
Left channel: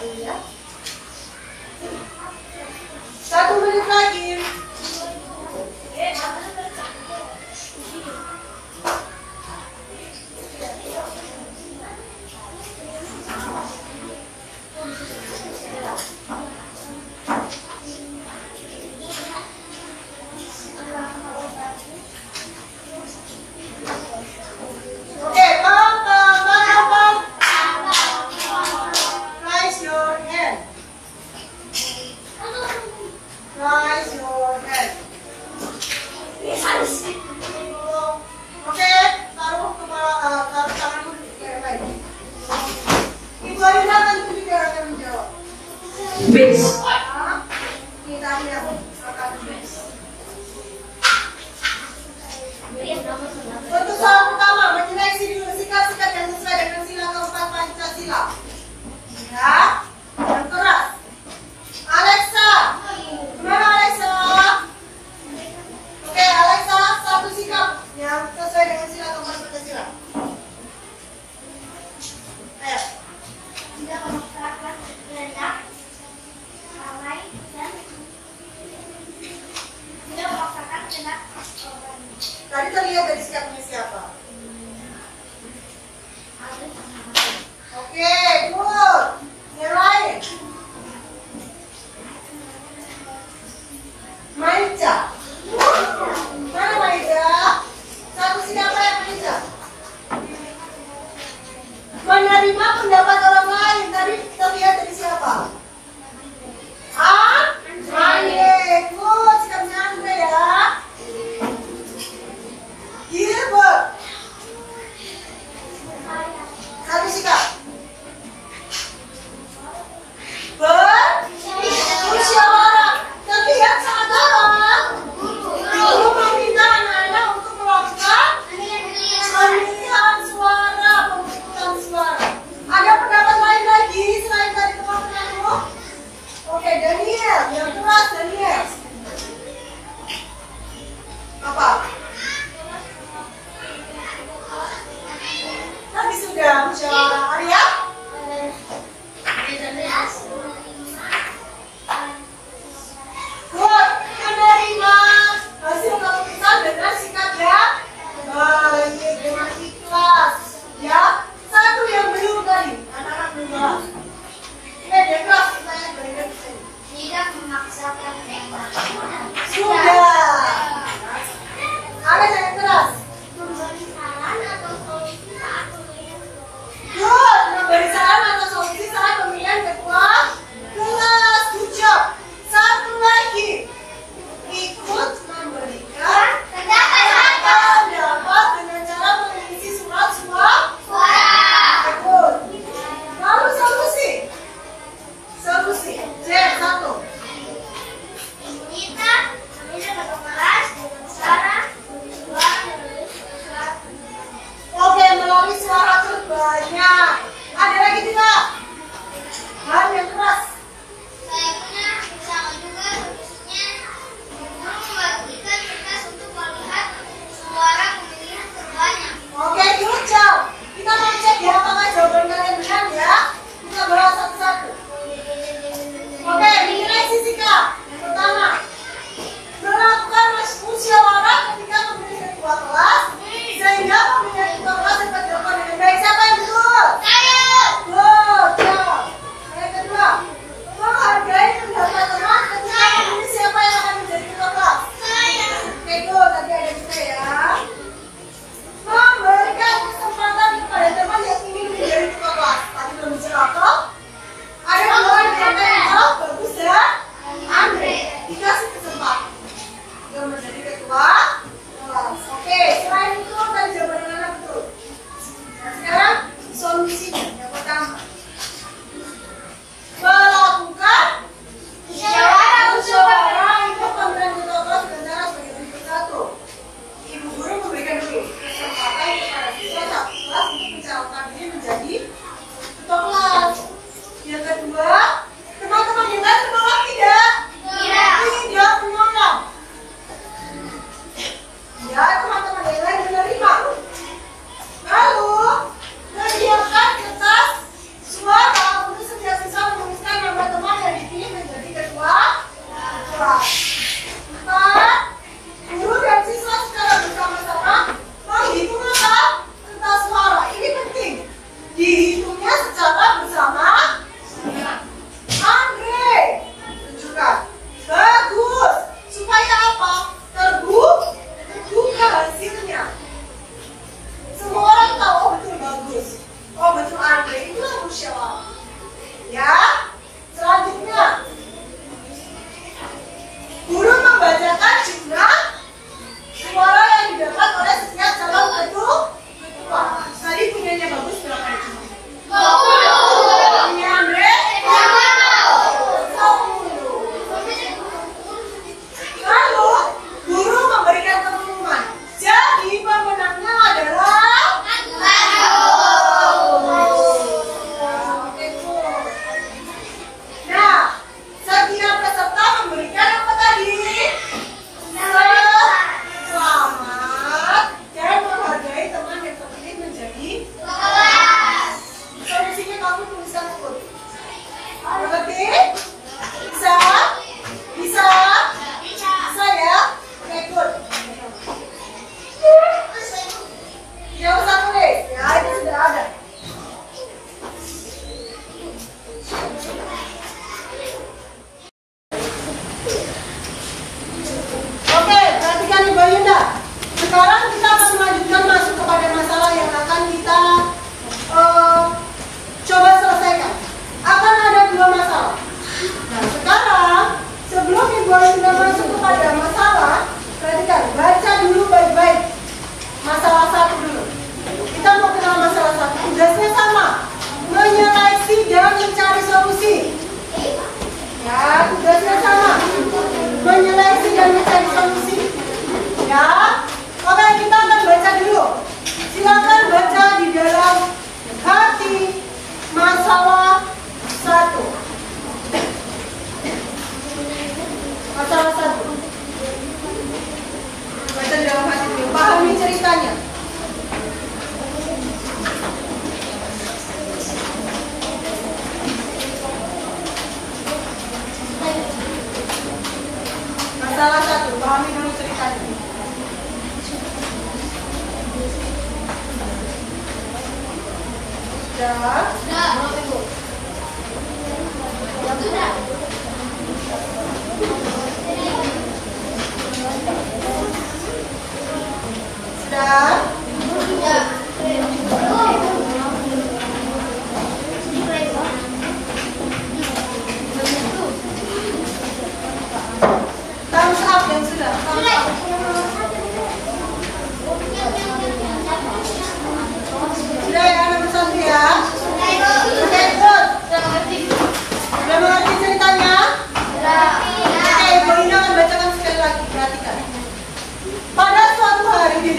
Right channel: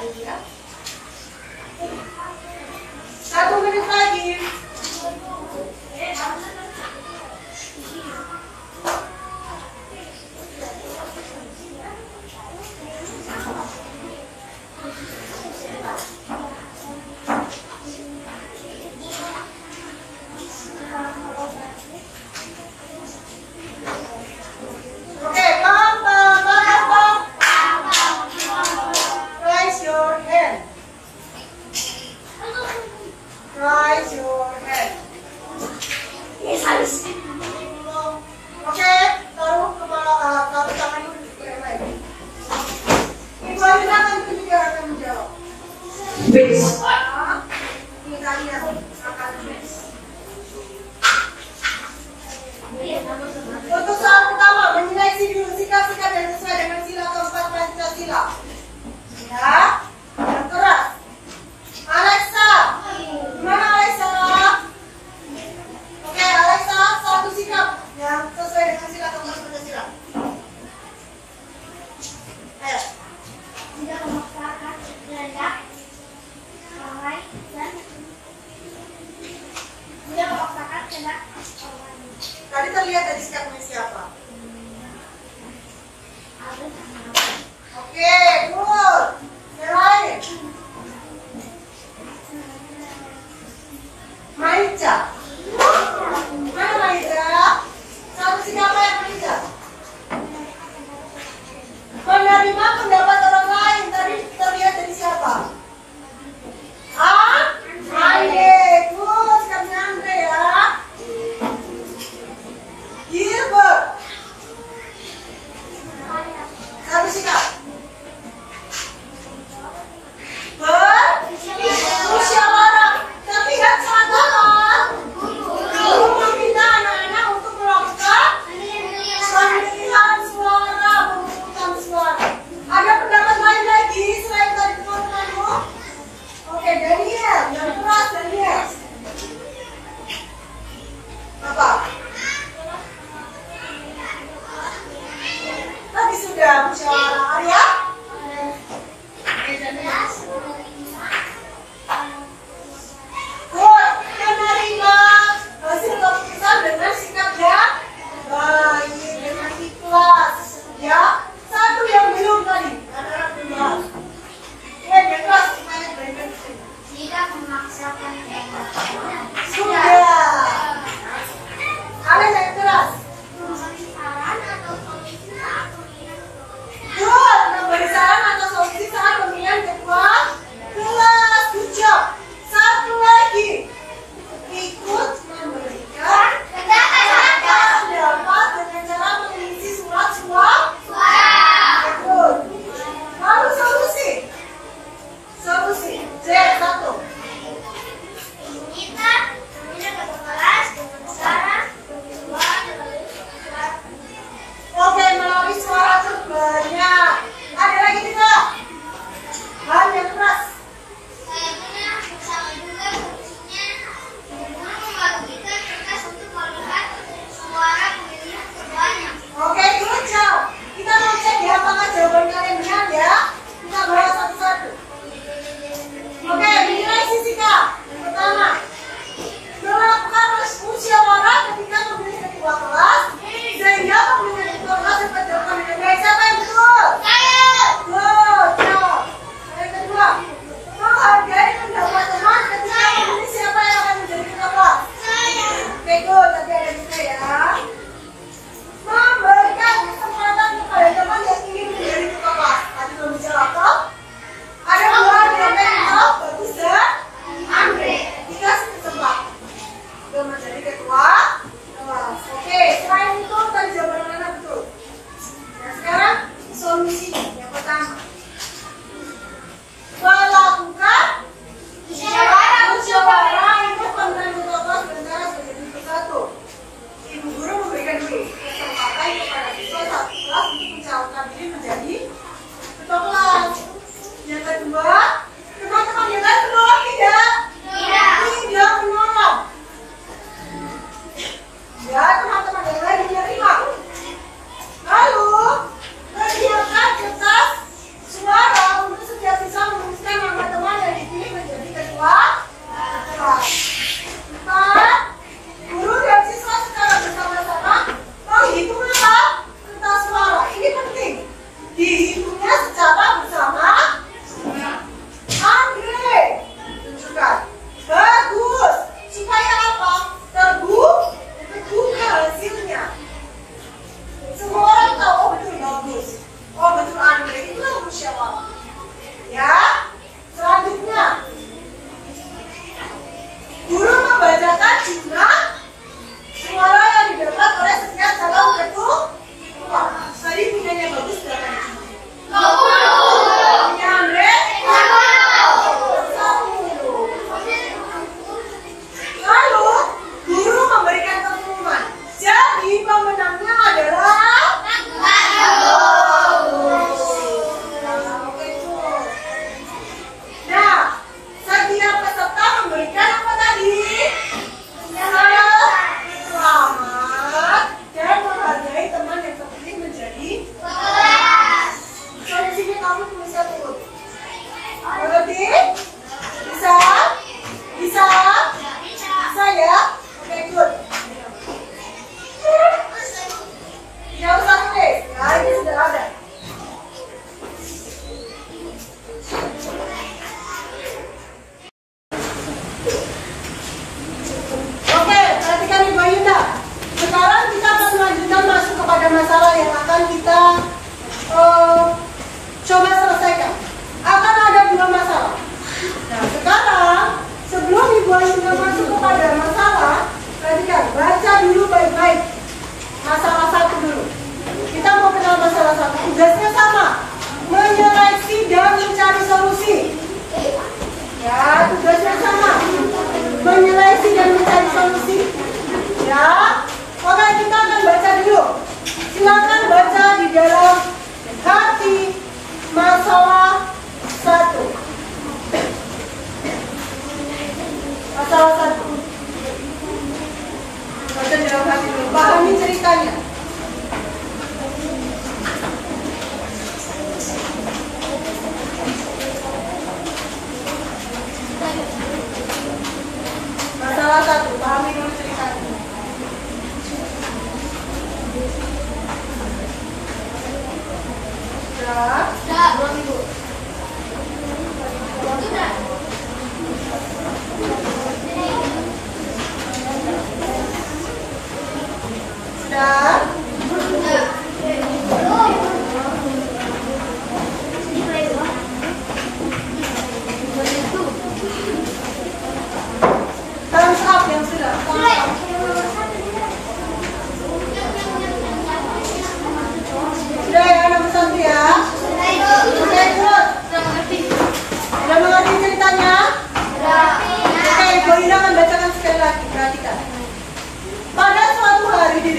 Ya. 1 menit lagi. Oke, pam. Raise your hand. Raise your hand. Oke, taruh tangan dulu di yang lain. Ibu Alina tentu juga akan menjawab. Bis. Kita lihat akan bis. Untuk soal pertama, menilai sikap-sikap yang sesuai dengan sila keempat Pancasila. Ya, yang keras. Alexa, gimana Alexa? Oke, Alexa, satu sikap yang sesuai dengan sila keempat Pancasila. Ayo. Tidak memaksakan kehendak, lalai, dan tidak memaksakan kehendak orang. Tadi terlihat dari sikapnya siapa? Oke, good. Yang lain. Maica. Mana Maica? Satu sikap apa yang Maica? Menerima pendapat orang lain. Tadi terlihat dari siapa? Andre. Good, sikapnya Andre ya. Gilbert. Satu sikap. Bermusyawarah. Terlihat sangat dalam. Guru meminta anak-anak untuk melakukan pemilihan suara, pemungutan suara. Ada pendapat lain lagi selain dari teman-temanmu? Oke, Daniel. Yang keras, Daniel. Apa? Tadi sudah musyawarah. Arya? Good. Menerima hasil keputusan dengan sikap yang baik, dengan ikhlas. Ya, satu yang belum tadi. Anak-anak belum. Dia kelas. Tidak memaksakan kehendak. Sudah. Ada yang keras. Memberi saran atau solusi saat pemilihan. Good. Memberi saran atau solusi saat pemilihan ketua kelas. Good job. Satu lagi. Ikut memberikan pendapat dengan cara mengisi surat suara. Good. Lalu solusi. Solusi. C1. Kita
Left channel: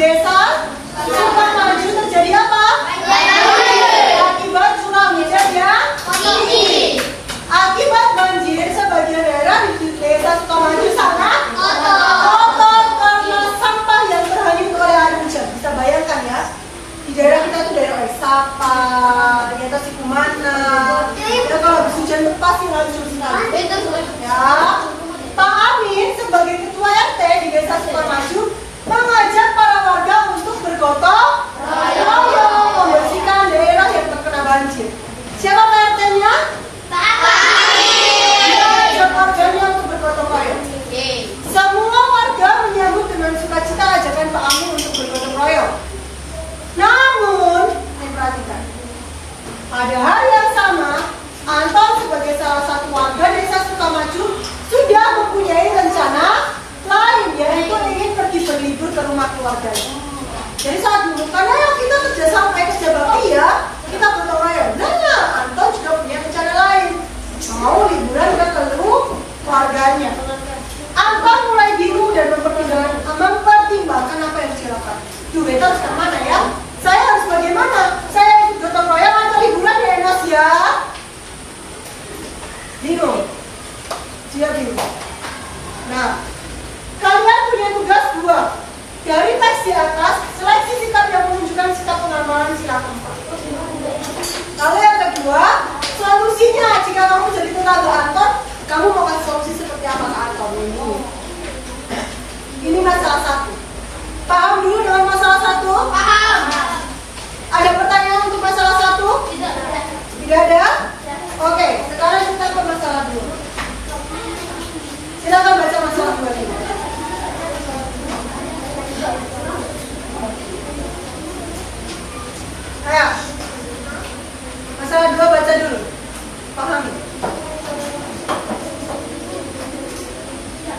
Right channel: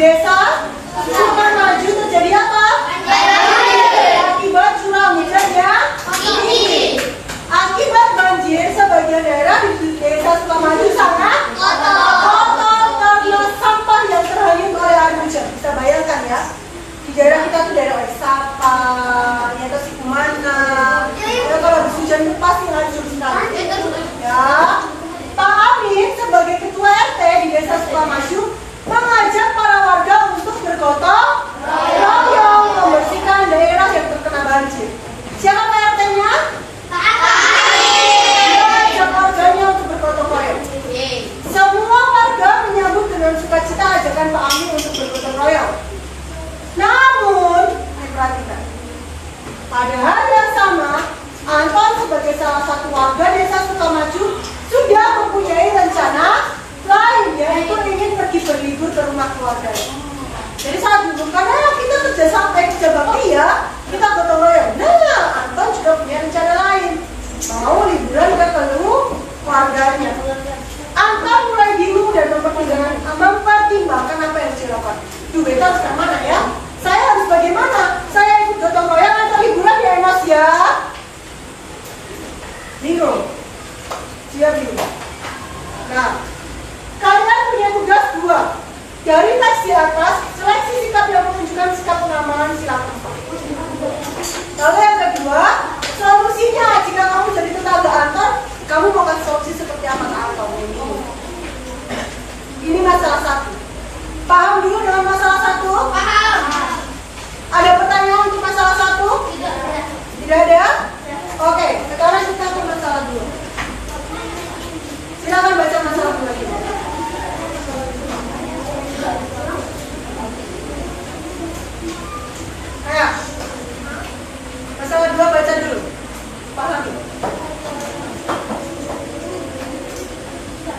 desa Sukamaju terjadi apa? Akibat curah hujan yang tinggi. Akibat banjir, sebagian daerah di desa Sukamaju sangat kotor karena sampah yang terhanyut oleh air hujan. Bisa bayangkan ya, di daerah kita tuh daerah Sapa, di atas Sikumana. Ya, kalau habis hujan itu pasti hancur sekali. Ya, Pak Amin sebagai ketua RT di desa Sukamaju mengajak para warga untuk bergotong royong membersihkan daerah yang terkena banjir. Siapa Pak RT-nya? Pak Amin. Dia ajak warganya untuk bergotong royong. Semua warga menyambut dengan sukacita ajakan Pak Amin untuk bergotong royong. Namun, perhatikan, pada hari yang sama, Anton sebagai salah satu warga desa Sukamaju sudah mempunyai rencana lain, yaitu ingin pergi berlibur ke rumah keluarganya. Jadi saat dulu, karena kita kerja bakti ya, kita gotong royong. Nah, Anton juga punya rencana lain, mau liburan ke keluarganya. Anton mulai bingung dan mempertimbangkan apa yang dilakukan. Duit harus ke mana ya? Saya harus bagaimana? Saya ikut gotong royong atau liburan ya Enos ya? Bingung. Dia bingung. Nah, kalian punya tugas 2. Dari teks di atas, seleksi sikap yang menunjukkan sikap pengamalan sila keempat. Lalu yang kedua, solusinya jika kamu jadi tetangga Anton, kamu mau kasih solusi seperti apa ke Anton? Ini masalah 1. Paham dulu dengan masalah 1? Paham. Ada pertanyaan untuk masalah 1? Tidak ada. Tidak ada? Oke, sekarang kita ke masalah 2. Silakan baca masalah 2 ini. Ayo. Masalah 2 baca dulu. Pahami.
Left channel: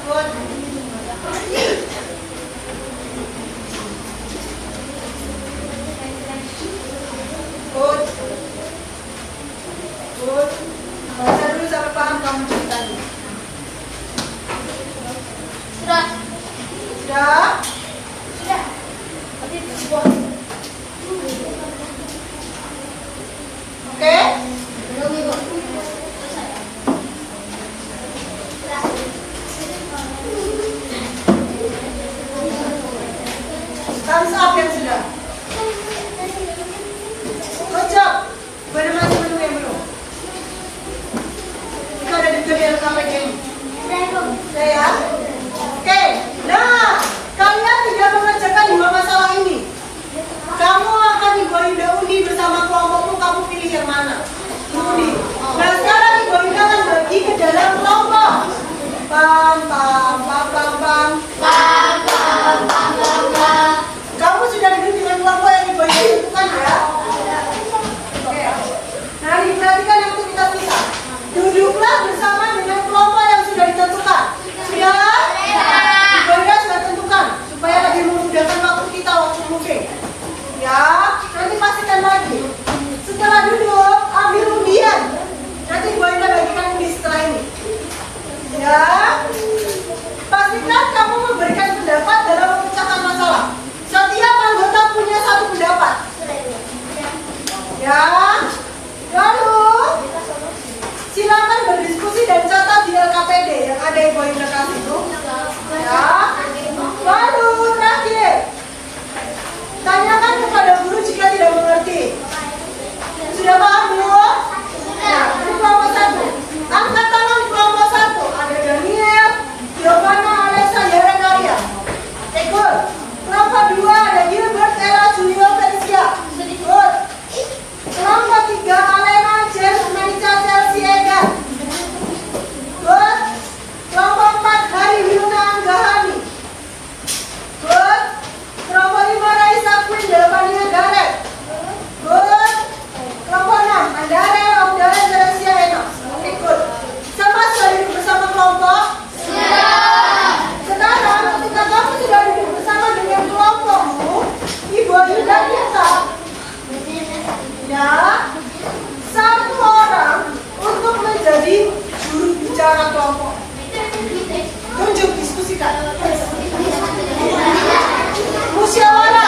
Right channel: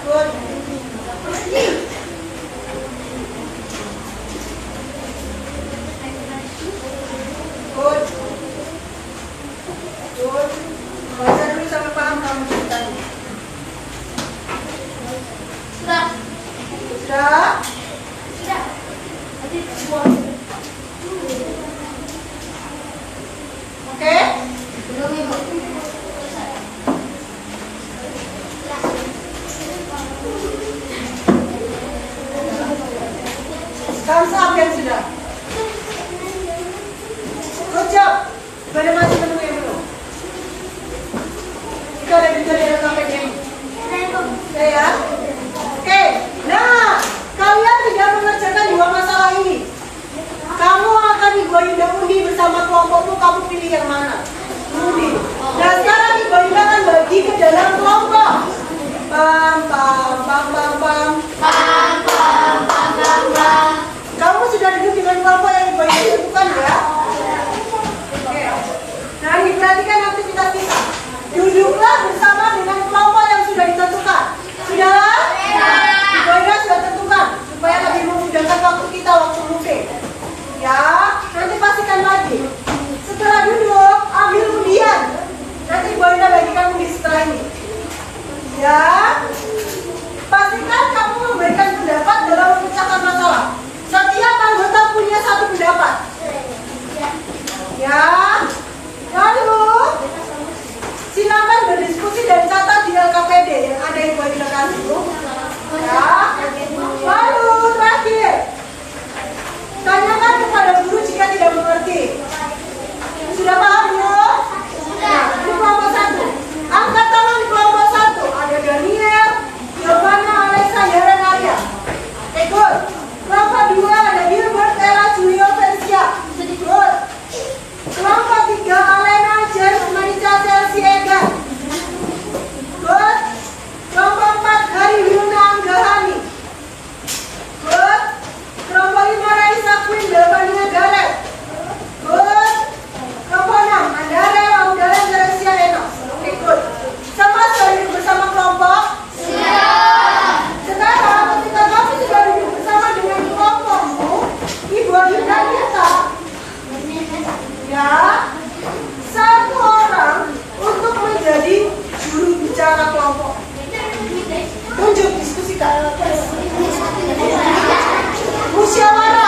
Good. Good. Good. Baca dulu sampai paham kamu ceritanya. Sudah? Sudah? Sudah. Oke? Thumbs up yang sudah. Good job. Pada masih menunggu yang belum. Itu ada di jadian KPG ini. Oke ya. Oke. Nah, kalian tidak mengerjakan 2 masalah ini. Kamu akan Ibu Ayuda undi bersama kelompokmu. Kamu pilih yang mana? Undi. Nah, sekarang Ibu Ayuda akan bagi ke dalam kelompok. Pam pam pam pam pam. Pam pam pam pam pam. Kamu sudah duduk dengan kelompok yang Ibu Ayuda tentukan ya? Oke. Nah, diperhatikan aktivitas kita. Duduklah bersama dengan kelompok yang sudah ditentukan. Sudah? Ibu Ayuda sudah tentukan supaya lebih memudahkan waktu kita waktu moving. Ya, nanti pastikan lagi. Setelah duduk, ambil undian. Nanti Ibu Ayuda bagikan undi setelah ini. Ya, pastikan kamu memberikan pendapat dalam memecahkan masalah. Setiap anggota punya 1 pendapat. Ya, lalu silakan berdiskusi dan catat di LKPD yang ada Ibu Ayuda kasih itu. Ya, lalu terakhir, tanyakan kepada guru jika tidak mengerti. Sudah paham belum? Nah, ini kelompok 1. Angkat tangan di kelompok 1. Ada Daniel, Giovanna, Alexa, Yara, Arya. Good. Kelompok 2 ada Gilbert, Ella, Julio, Felicia. Good. Kelompok 3 Alena, James, Manica, Chelsea, Egan. Good. Kelompok 4 Hari Wilna, Anggahani. Good. Kelompok 5 Raisa, Queen, Belvania, Gareth. Good. Kelompok 6 Andara, Audara, Gracia, Enos. Oke, good. Sama sudah duduk bersama kelompok? Sudah. Sekarang ketika kamu sudah duduk bersama dengan kelompokmu, Ibu Ayuda minta ya 1 orang untuk menjadi juru bicara kelompok. Tunjuk, diskusikan. Musyawarah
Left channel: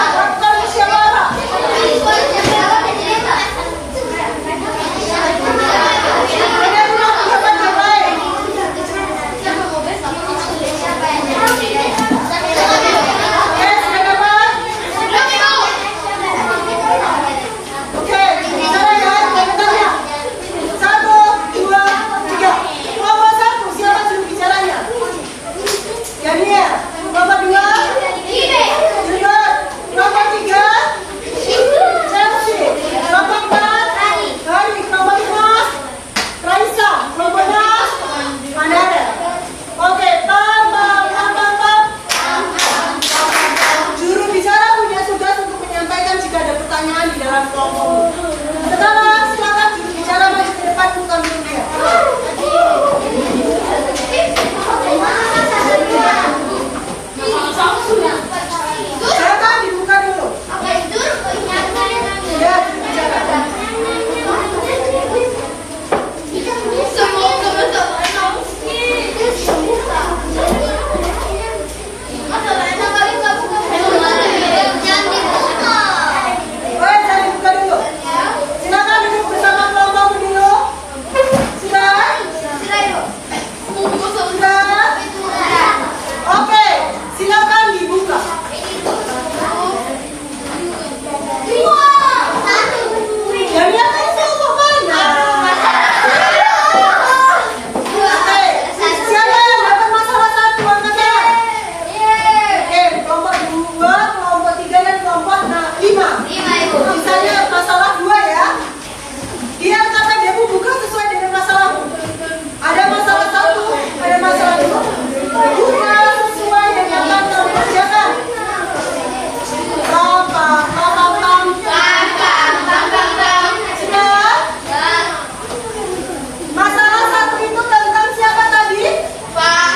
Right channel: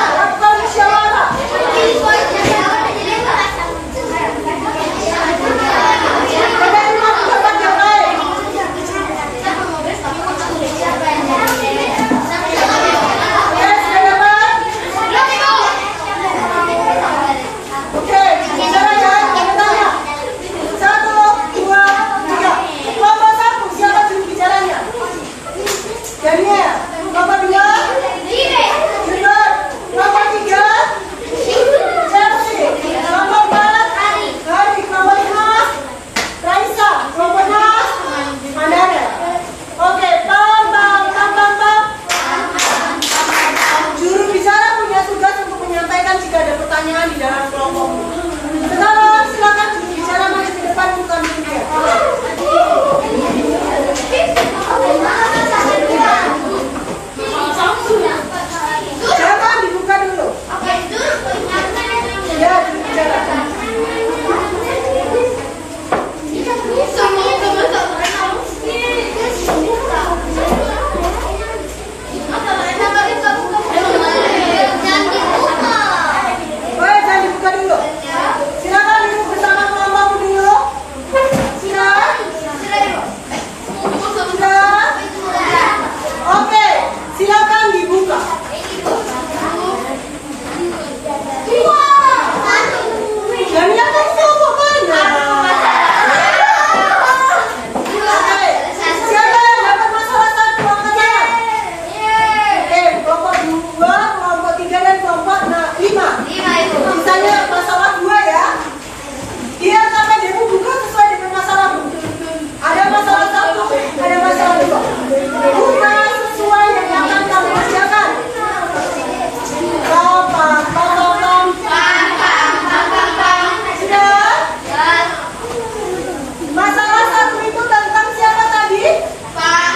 Masalah 1 itu tentang siapa tadi? Pak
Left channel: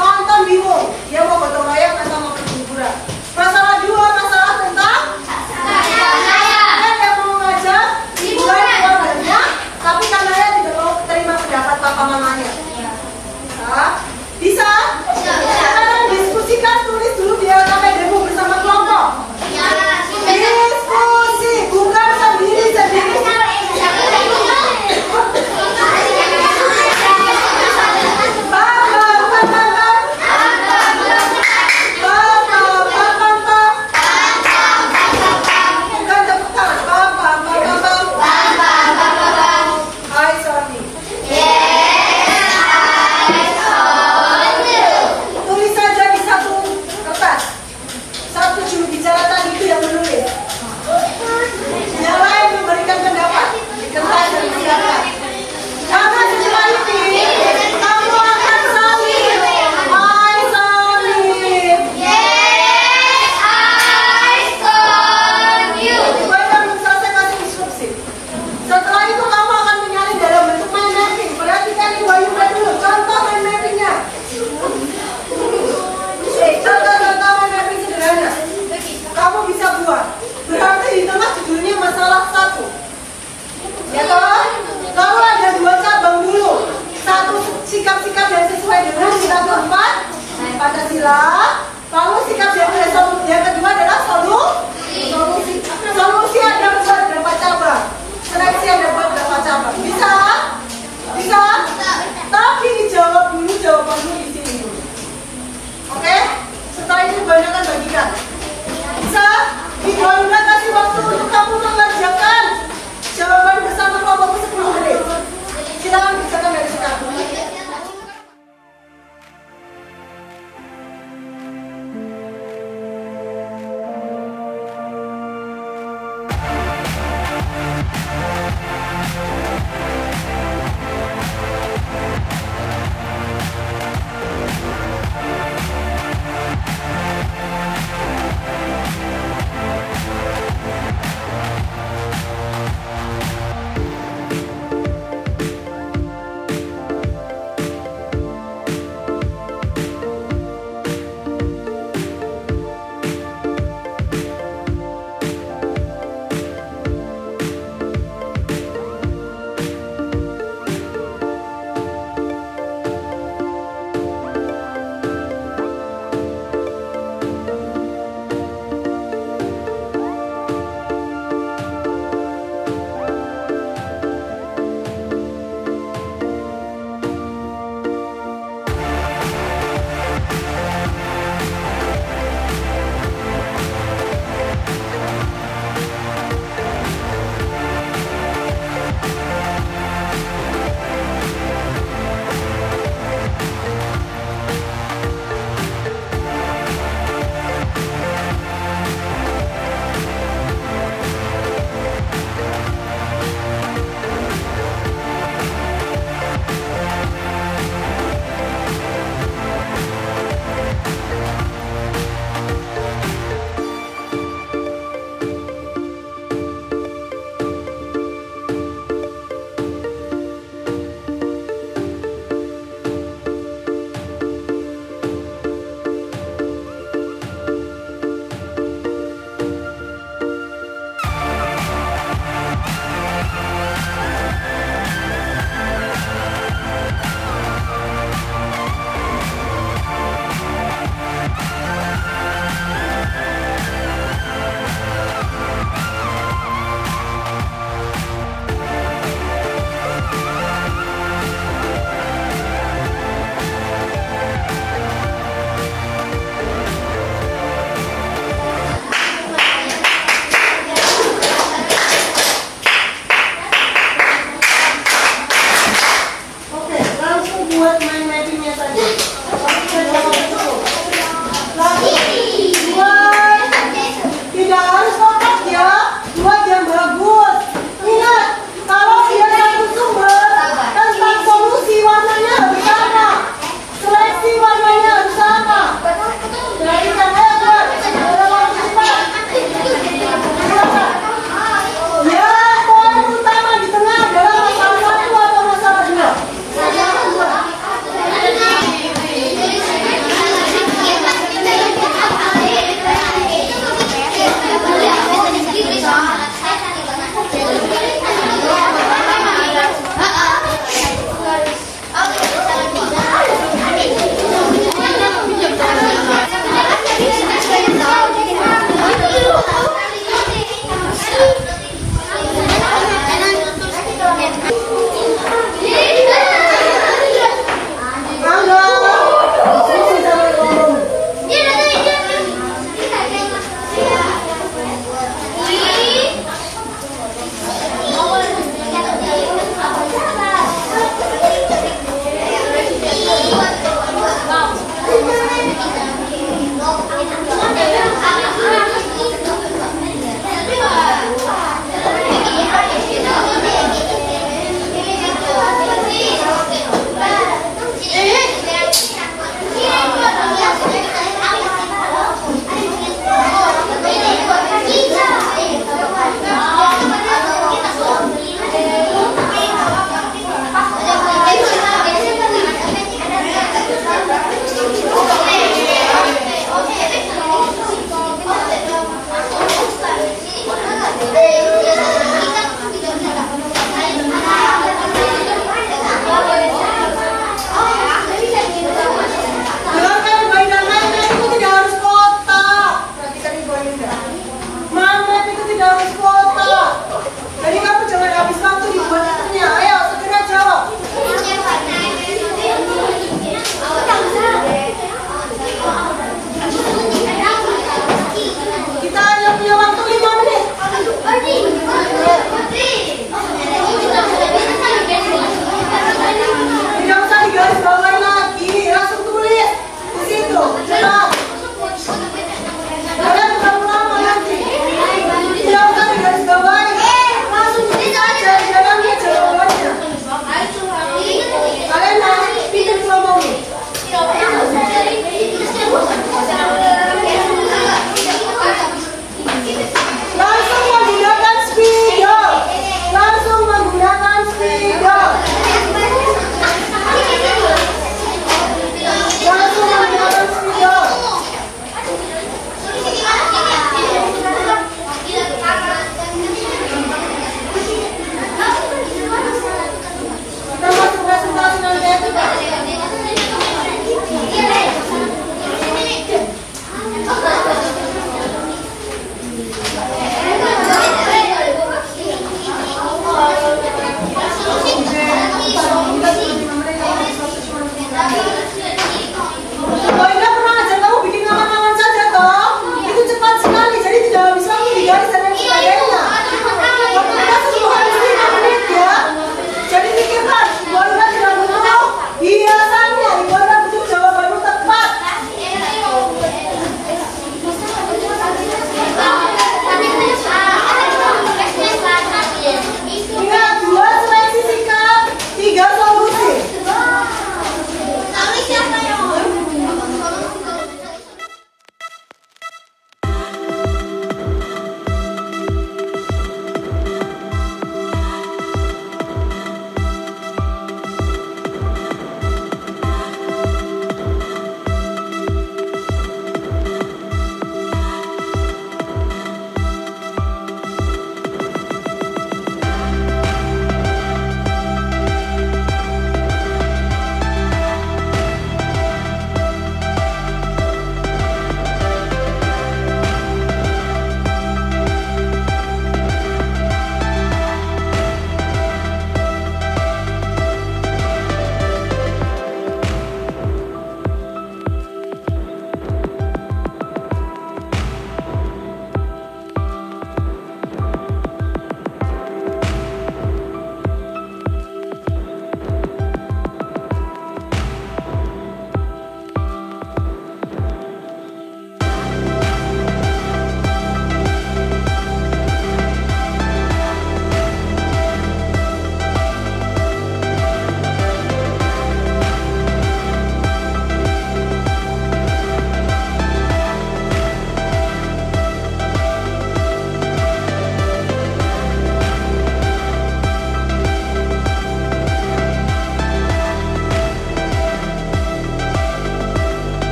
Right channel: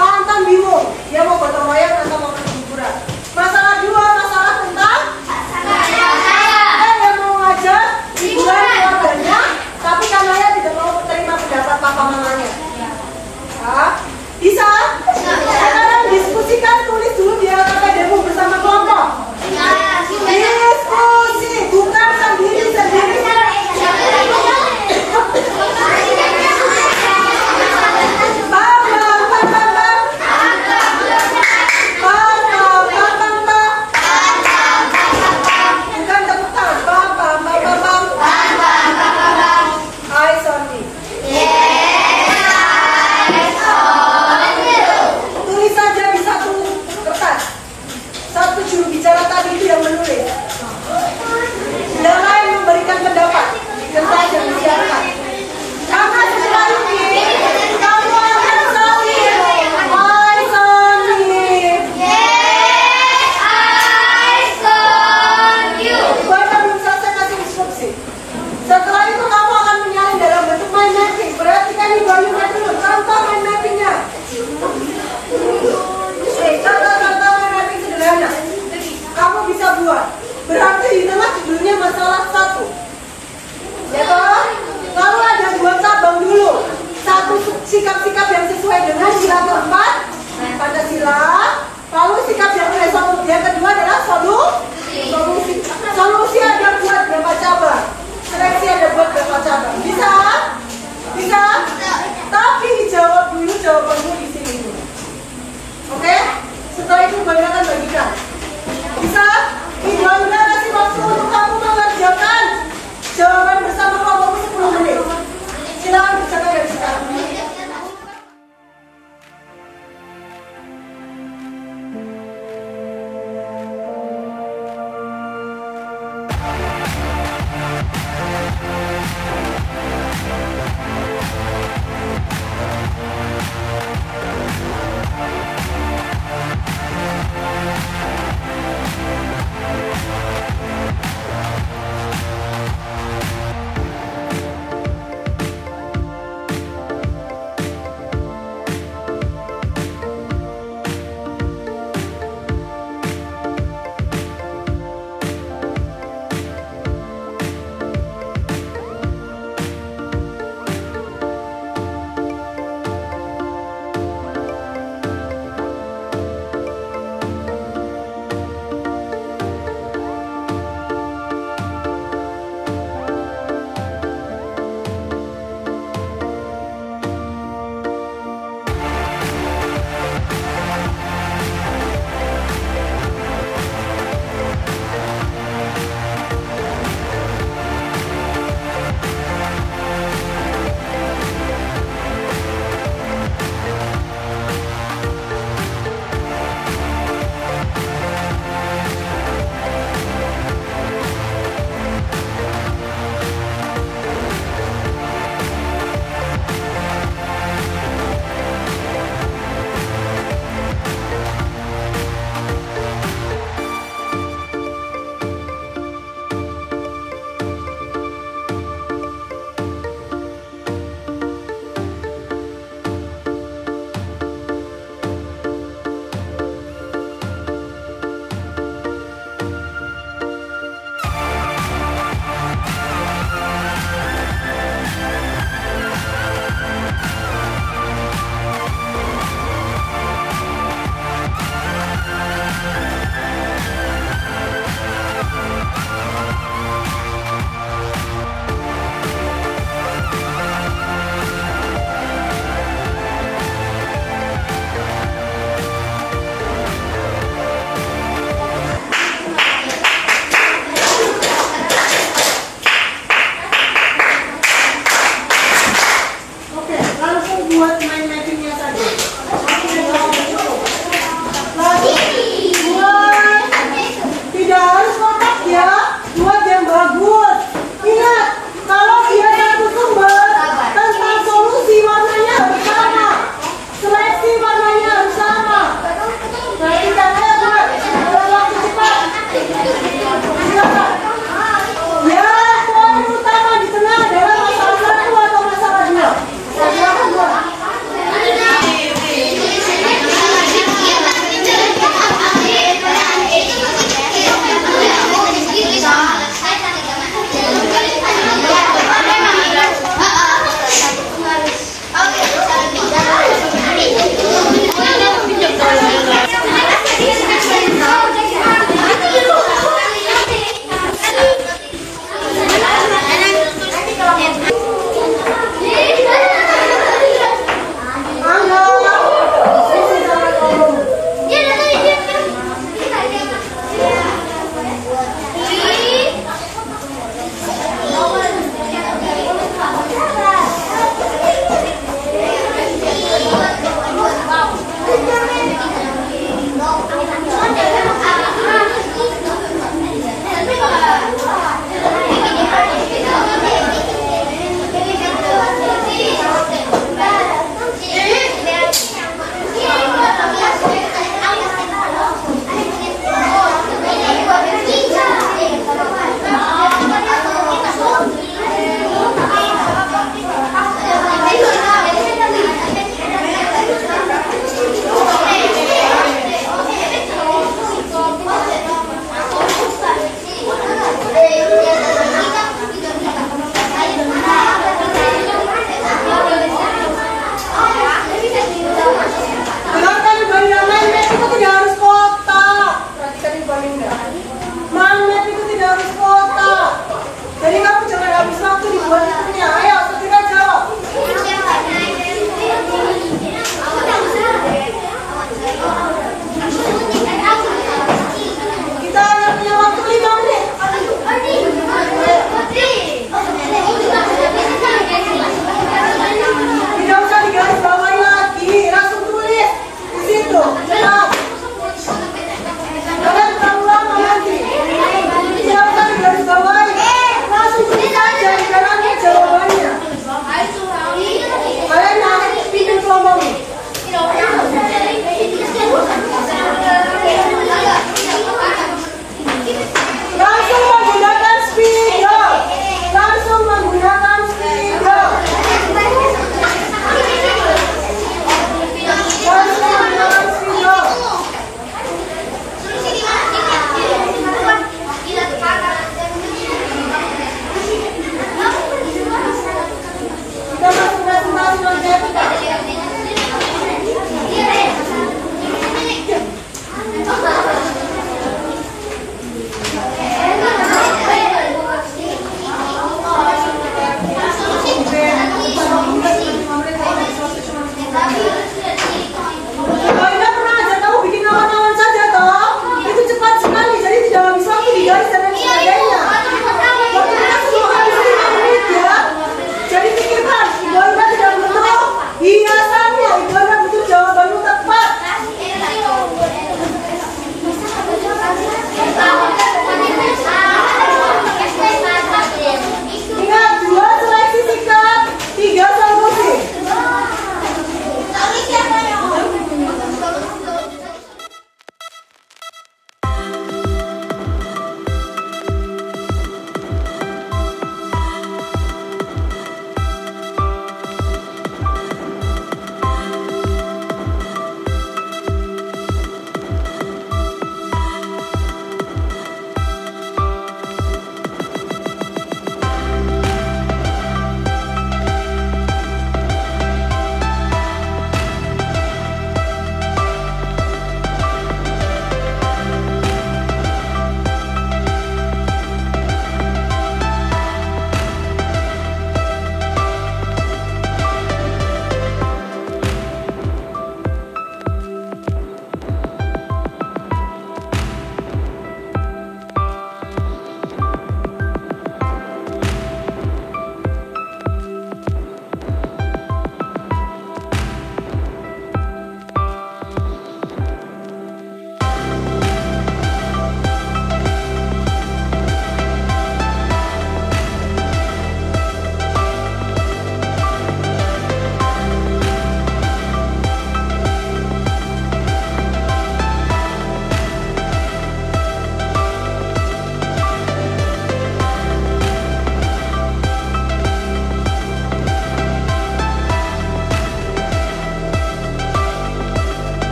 Anton bingung. Dia mau gotong royong atau mau pergi liburan. Masalah 2, masalah tentang yang mau ngajak liburan keluarganya, tapi kamarnya tidak mau terima pendapat papa mamanya. Bisa? Sekarang diskusikan, tulis dulu di LKP demo bersama kelompok. Diskusi, bukan sendiri-sendiri. Sikap-sikap yang sesuai dengan sila keempat Pancasila. Lalu sikap yang kedua adalah solusi. Solusi ada buat berapa cabang, seleksi ada buat berapa cabang. Bisa? Tapi dijawab dulu, jawaban dulu di sini dulu. Oke? Setelah itu Bunda akan bagikan. Bisa? Bunda kasih waktu untuk kamu mengerjakan jawaban bersama kelompokku 10 menit. Silakan kerjakan dari sekarang.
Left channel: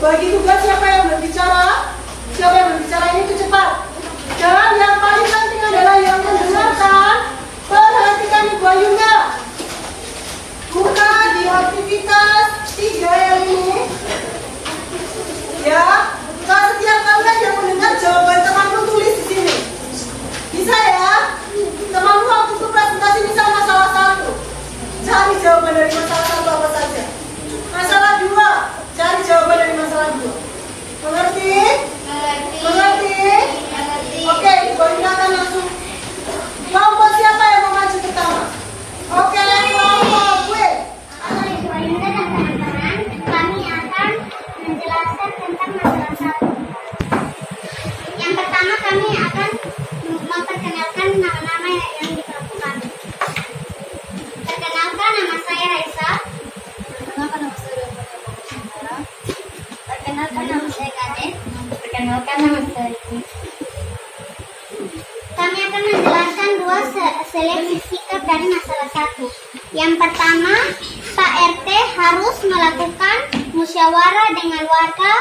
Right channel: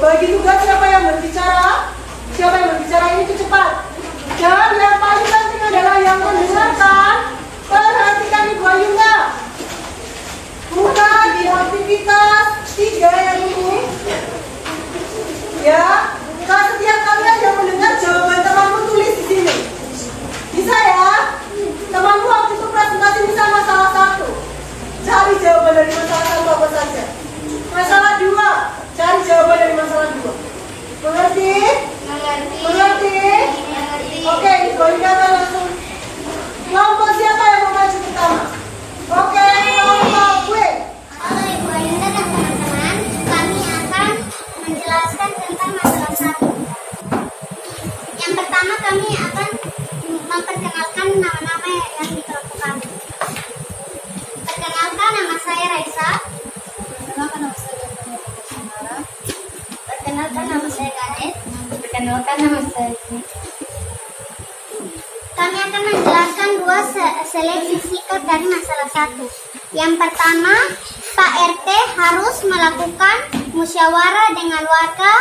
Bagi tugas siapa yang berbicara? Siapa yang berbicara itu cepat. Dan yang paling penting adalah yang mendengarkan. Perhatikan Ibu Ayunda. Buka di aktivitas 3 yang ini. Ya, setiap kalian yang mendengar jawaban temanmu tulis di sini. Bisa ya? Temanmu waktu itu presentasi bisa masalah 1. Cari jawaban dari masalah 1 apa saja. Masalah 2, cari jawaban dari masalah 2. Mengerti? Mengerti? Oke, Ibu akan langsung. Kelompok siapa yang mau maju pertama? Oke, kelompok gue. Halo Ibu Ayunda dan teman-teman, kami akan menjelaskan tentang masalah 1. Yang pertama kami akan memperkenalkan nama-nama yang dikelompok kami. Perkenalkan, nama saya Raisa. Perkenalkan, nama saya Kade. Perkenalkan, nama saya Rini. Kami akan menjelaskan 2 seleksi sikap dari masalah 1. Yang pertama, Pak RT harus melakukan musyawarah dengan warga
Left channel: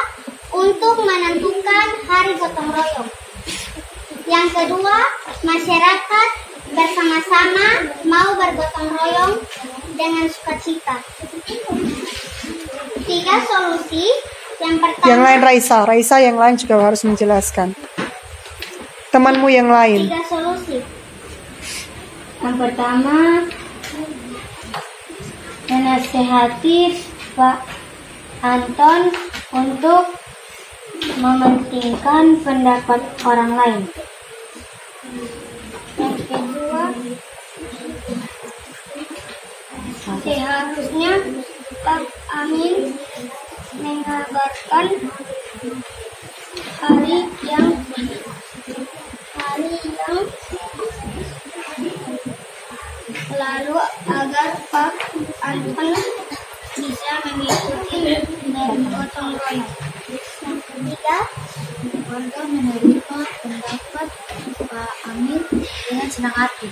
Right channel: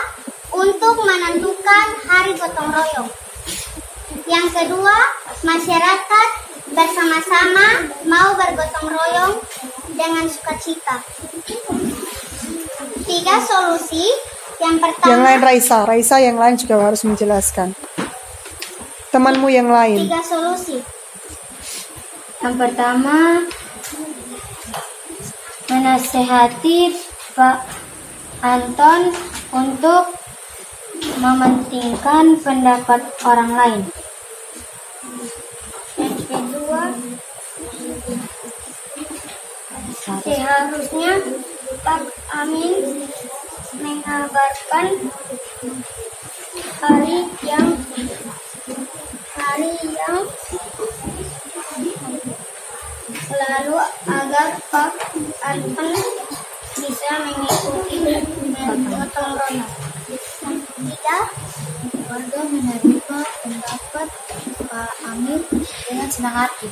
untuk menentukan hari gotong royong. Yang kedua, masyarakat bersama-sama mau bergotong royong dengan sukacita. 3 solusi. Yang pertama, Yang lain Raisa yang lain juga harus menjelaskan. Temanmu yang lain. 3 solusi. Yang pertama, menasehati Pak Anton untuk mementingkan pendapat orang lain. Yang kedua, seharusnya Pak Amin mengabarkan hari yang lalu agar Pak Anton bisa mengikuti gotong royong. Yang ketiga, warga menerima pendapat Pak Amin dengan senang hati.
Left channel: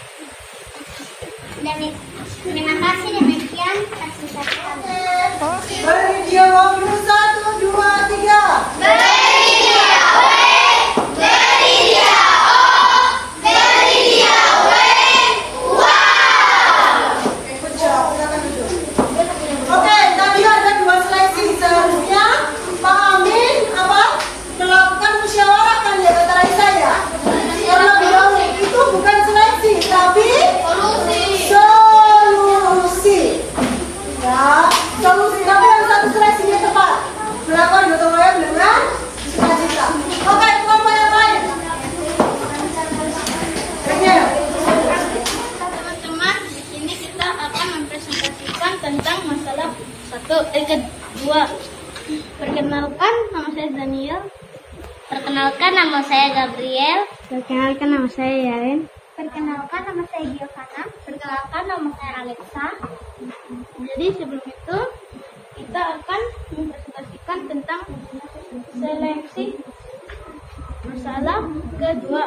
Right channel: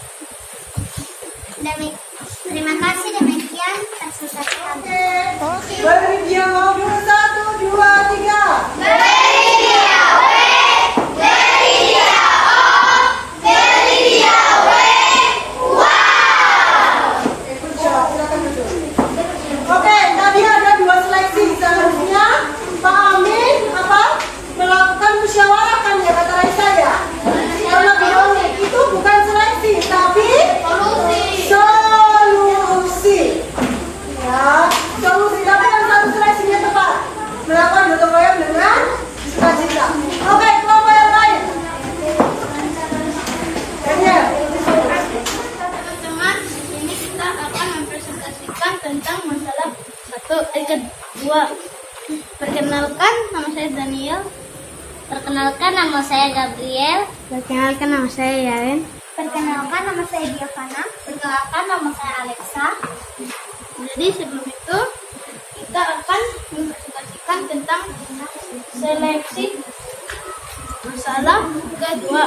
Terima kasih, demikian presentasi kami. Beri dialog dulu 1, 2, 3. Oke, tadi ada 2 seleksi. Seharusnya Pak Amin melakukan musyawarah kan ya, kata Raisa ya. Karena beliau itu bukan seleksi, tapi solusi. Ya, solusi. Tapi yang 1 seleksinya tepat. Melakukan gotong royong dengan sukacita. Oke, kelompok yang lain. Daniel. Teman-teman, ini kita akan mempresentasikan tentang masalah 2. Perkenalkan, nama saya Daniel. Perkenalkan, nama saya Gabriel. Perkenalkan, nama saya Yaren. Perkenalkan, nama saya Giovanna. Perkenalkan, nama saya Alexa. Jadi sebelum itu kita akan mempresentasikan tentang seleksi masalah kedua.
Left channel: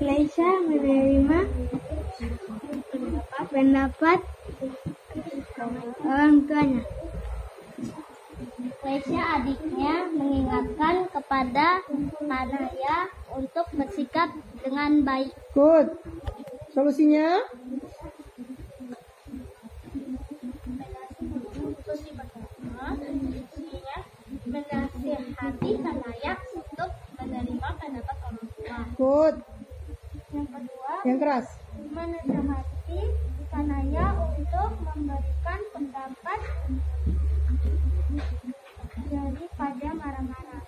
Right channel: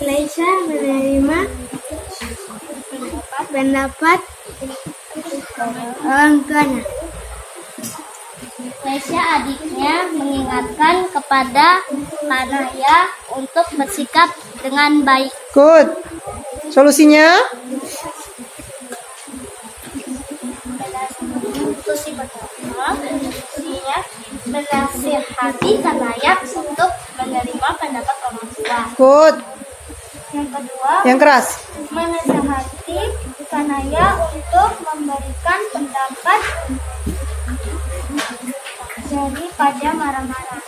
Laisa menerima pendapat orang tuanya. Laisa adiknya mengingatkan kepada Kanaya untuk bersikap dengan baik. Good. Solusinya? Solusi pertama, menasihati Kanaya untuk menerima pendapat orang tua. Good. Yang kedua, Yang keras. menasihati Kanaya untuk memberikan pendapat daripada marah-marah.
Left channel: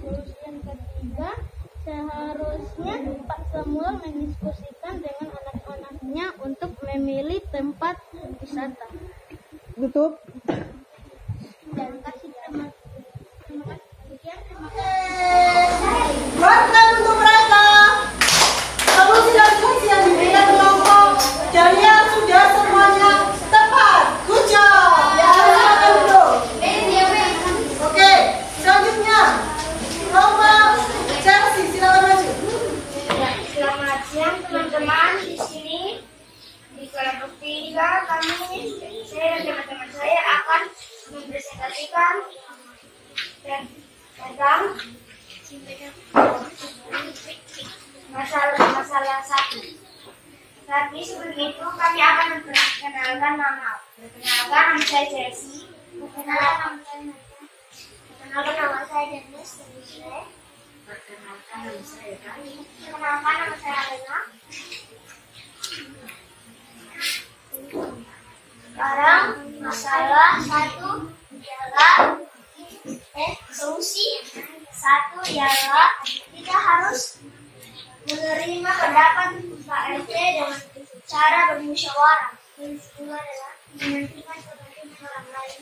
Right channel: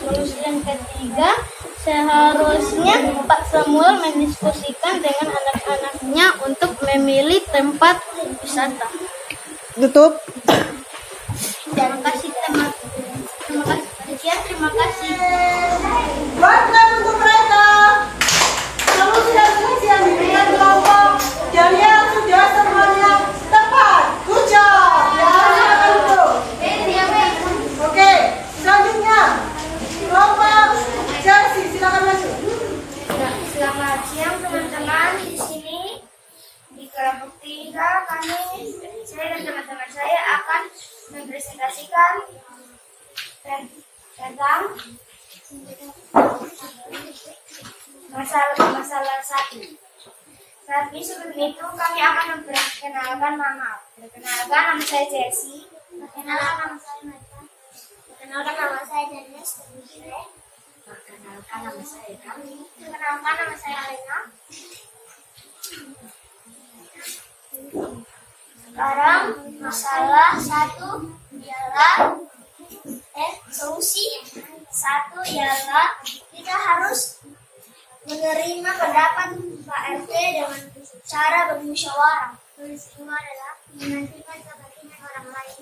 Solusi yang ketiga, seharusnya Pak Samuel mendiskusikan dengan anak-anaknya untuk memilih tempat wisata. Tutup. Terima kasih teman. Terima kasih. Sekian, terima kasih. Berikan untuk mereka. Solusi dan solusi yang diberikan kelompok kalian sudah semuanya tepat. Good job. Ya, silakan duduk. Oke, selanjutnya kelompok Chelsea, silakan maju. Selamat siang teman-teman. Di sini di kelompok 3 kami tentang masalah satu. Tapi sebelum itu kami akan memperkenalkan nama. Perkenalkan, nama saya Jessie. Perkenalkan, nama saya Marta. Perkenalkan, nama saya Dennis. Perkenalkan, nama saya Kami. Perkenalkan, nama saya Alena. Sekarang masalah satu ialah solusi satu ialah kita harus menerima pendapat Pak RT dengan cara bermusyawarah. Solusi kedua adalah menentukan kepentingan orang lain.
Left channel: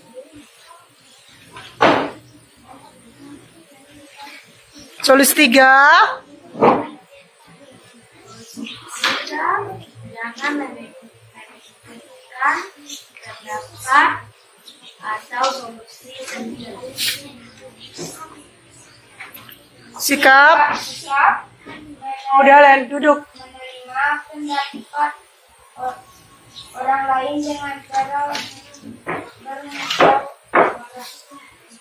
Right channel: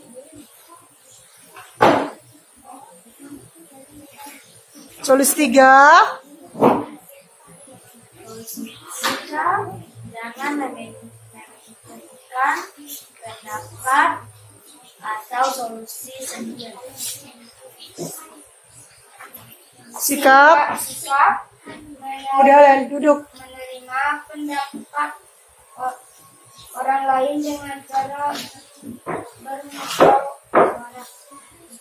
Solusi 3. Jangan memikirkan pendapat atau solusi sendiri. Sikap. Udah, Len, duduk. Menerima pendapat orang lain dengan cara bermusyawarah.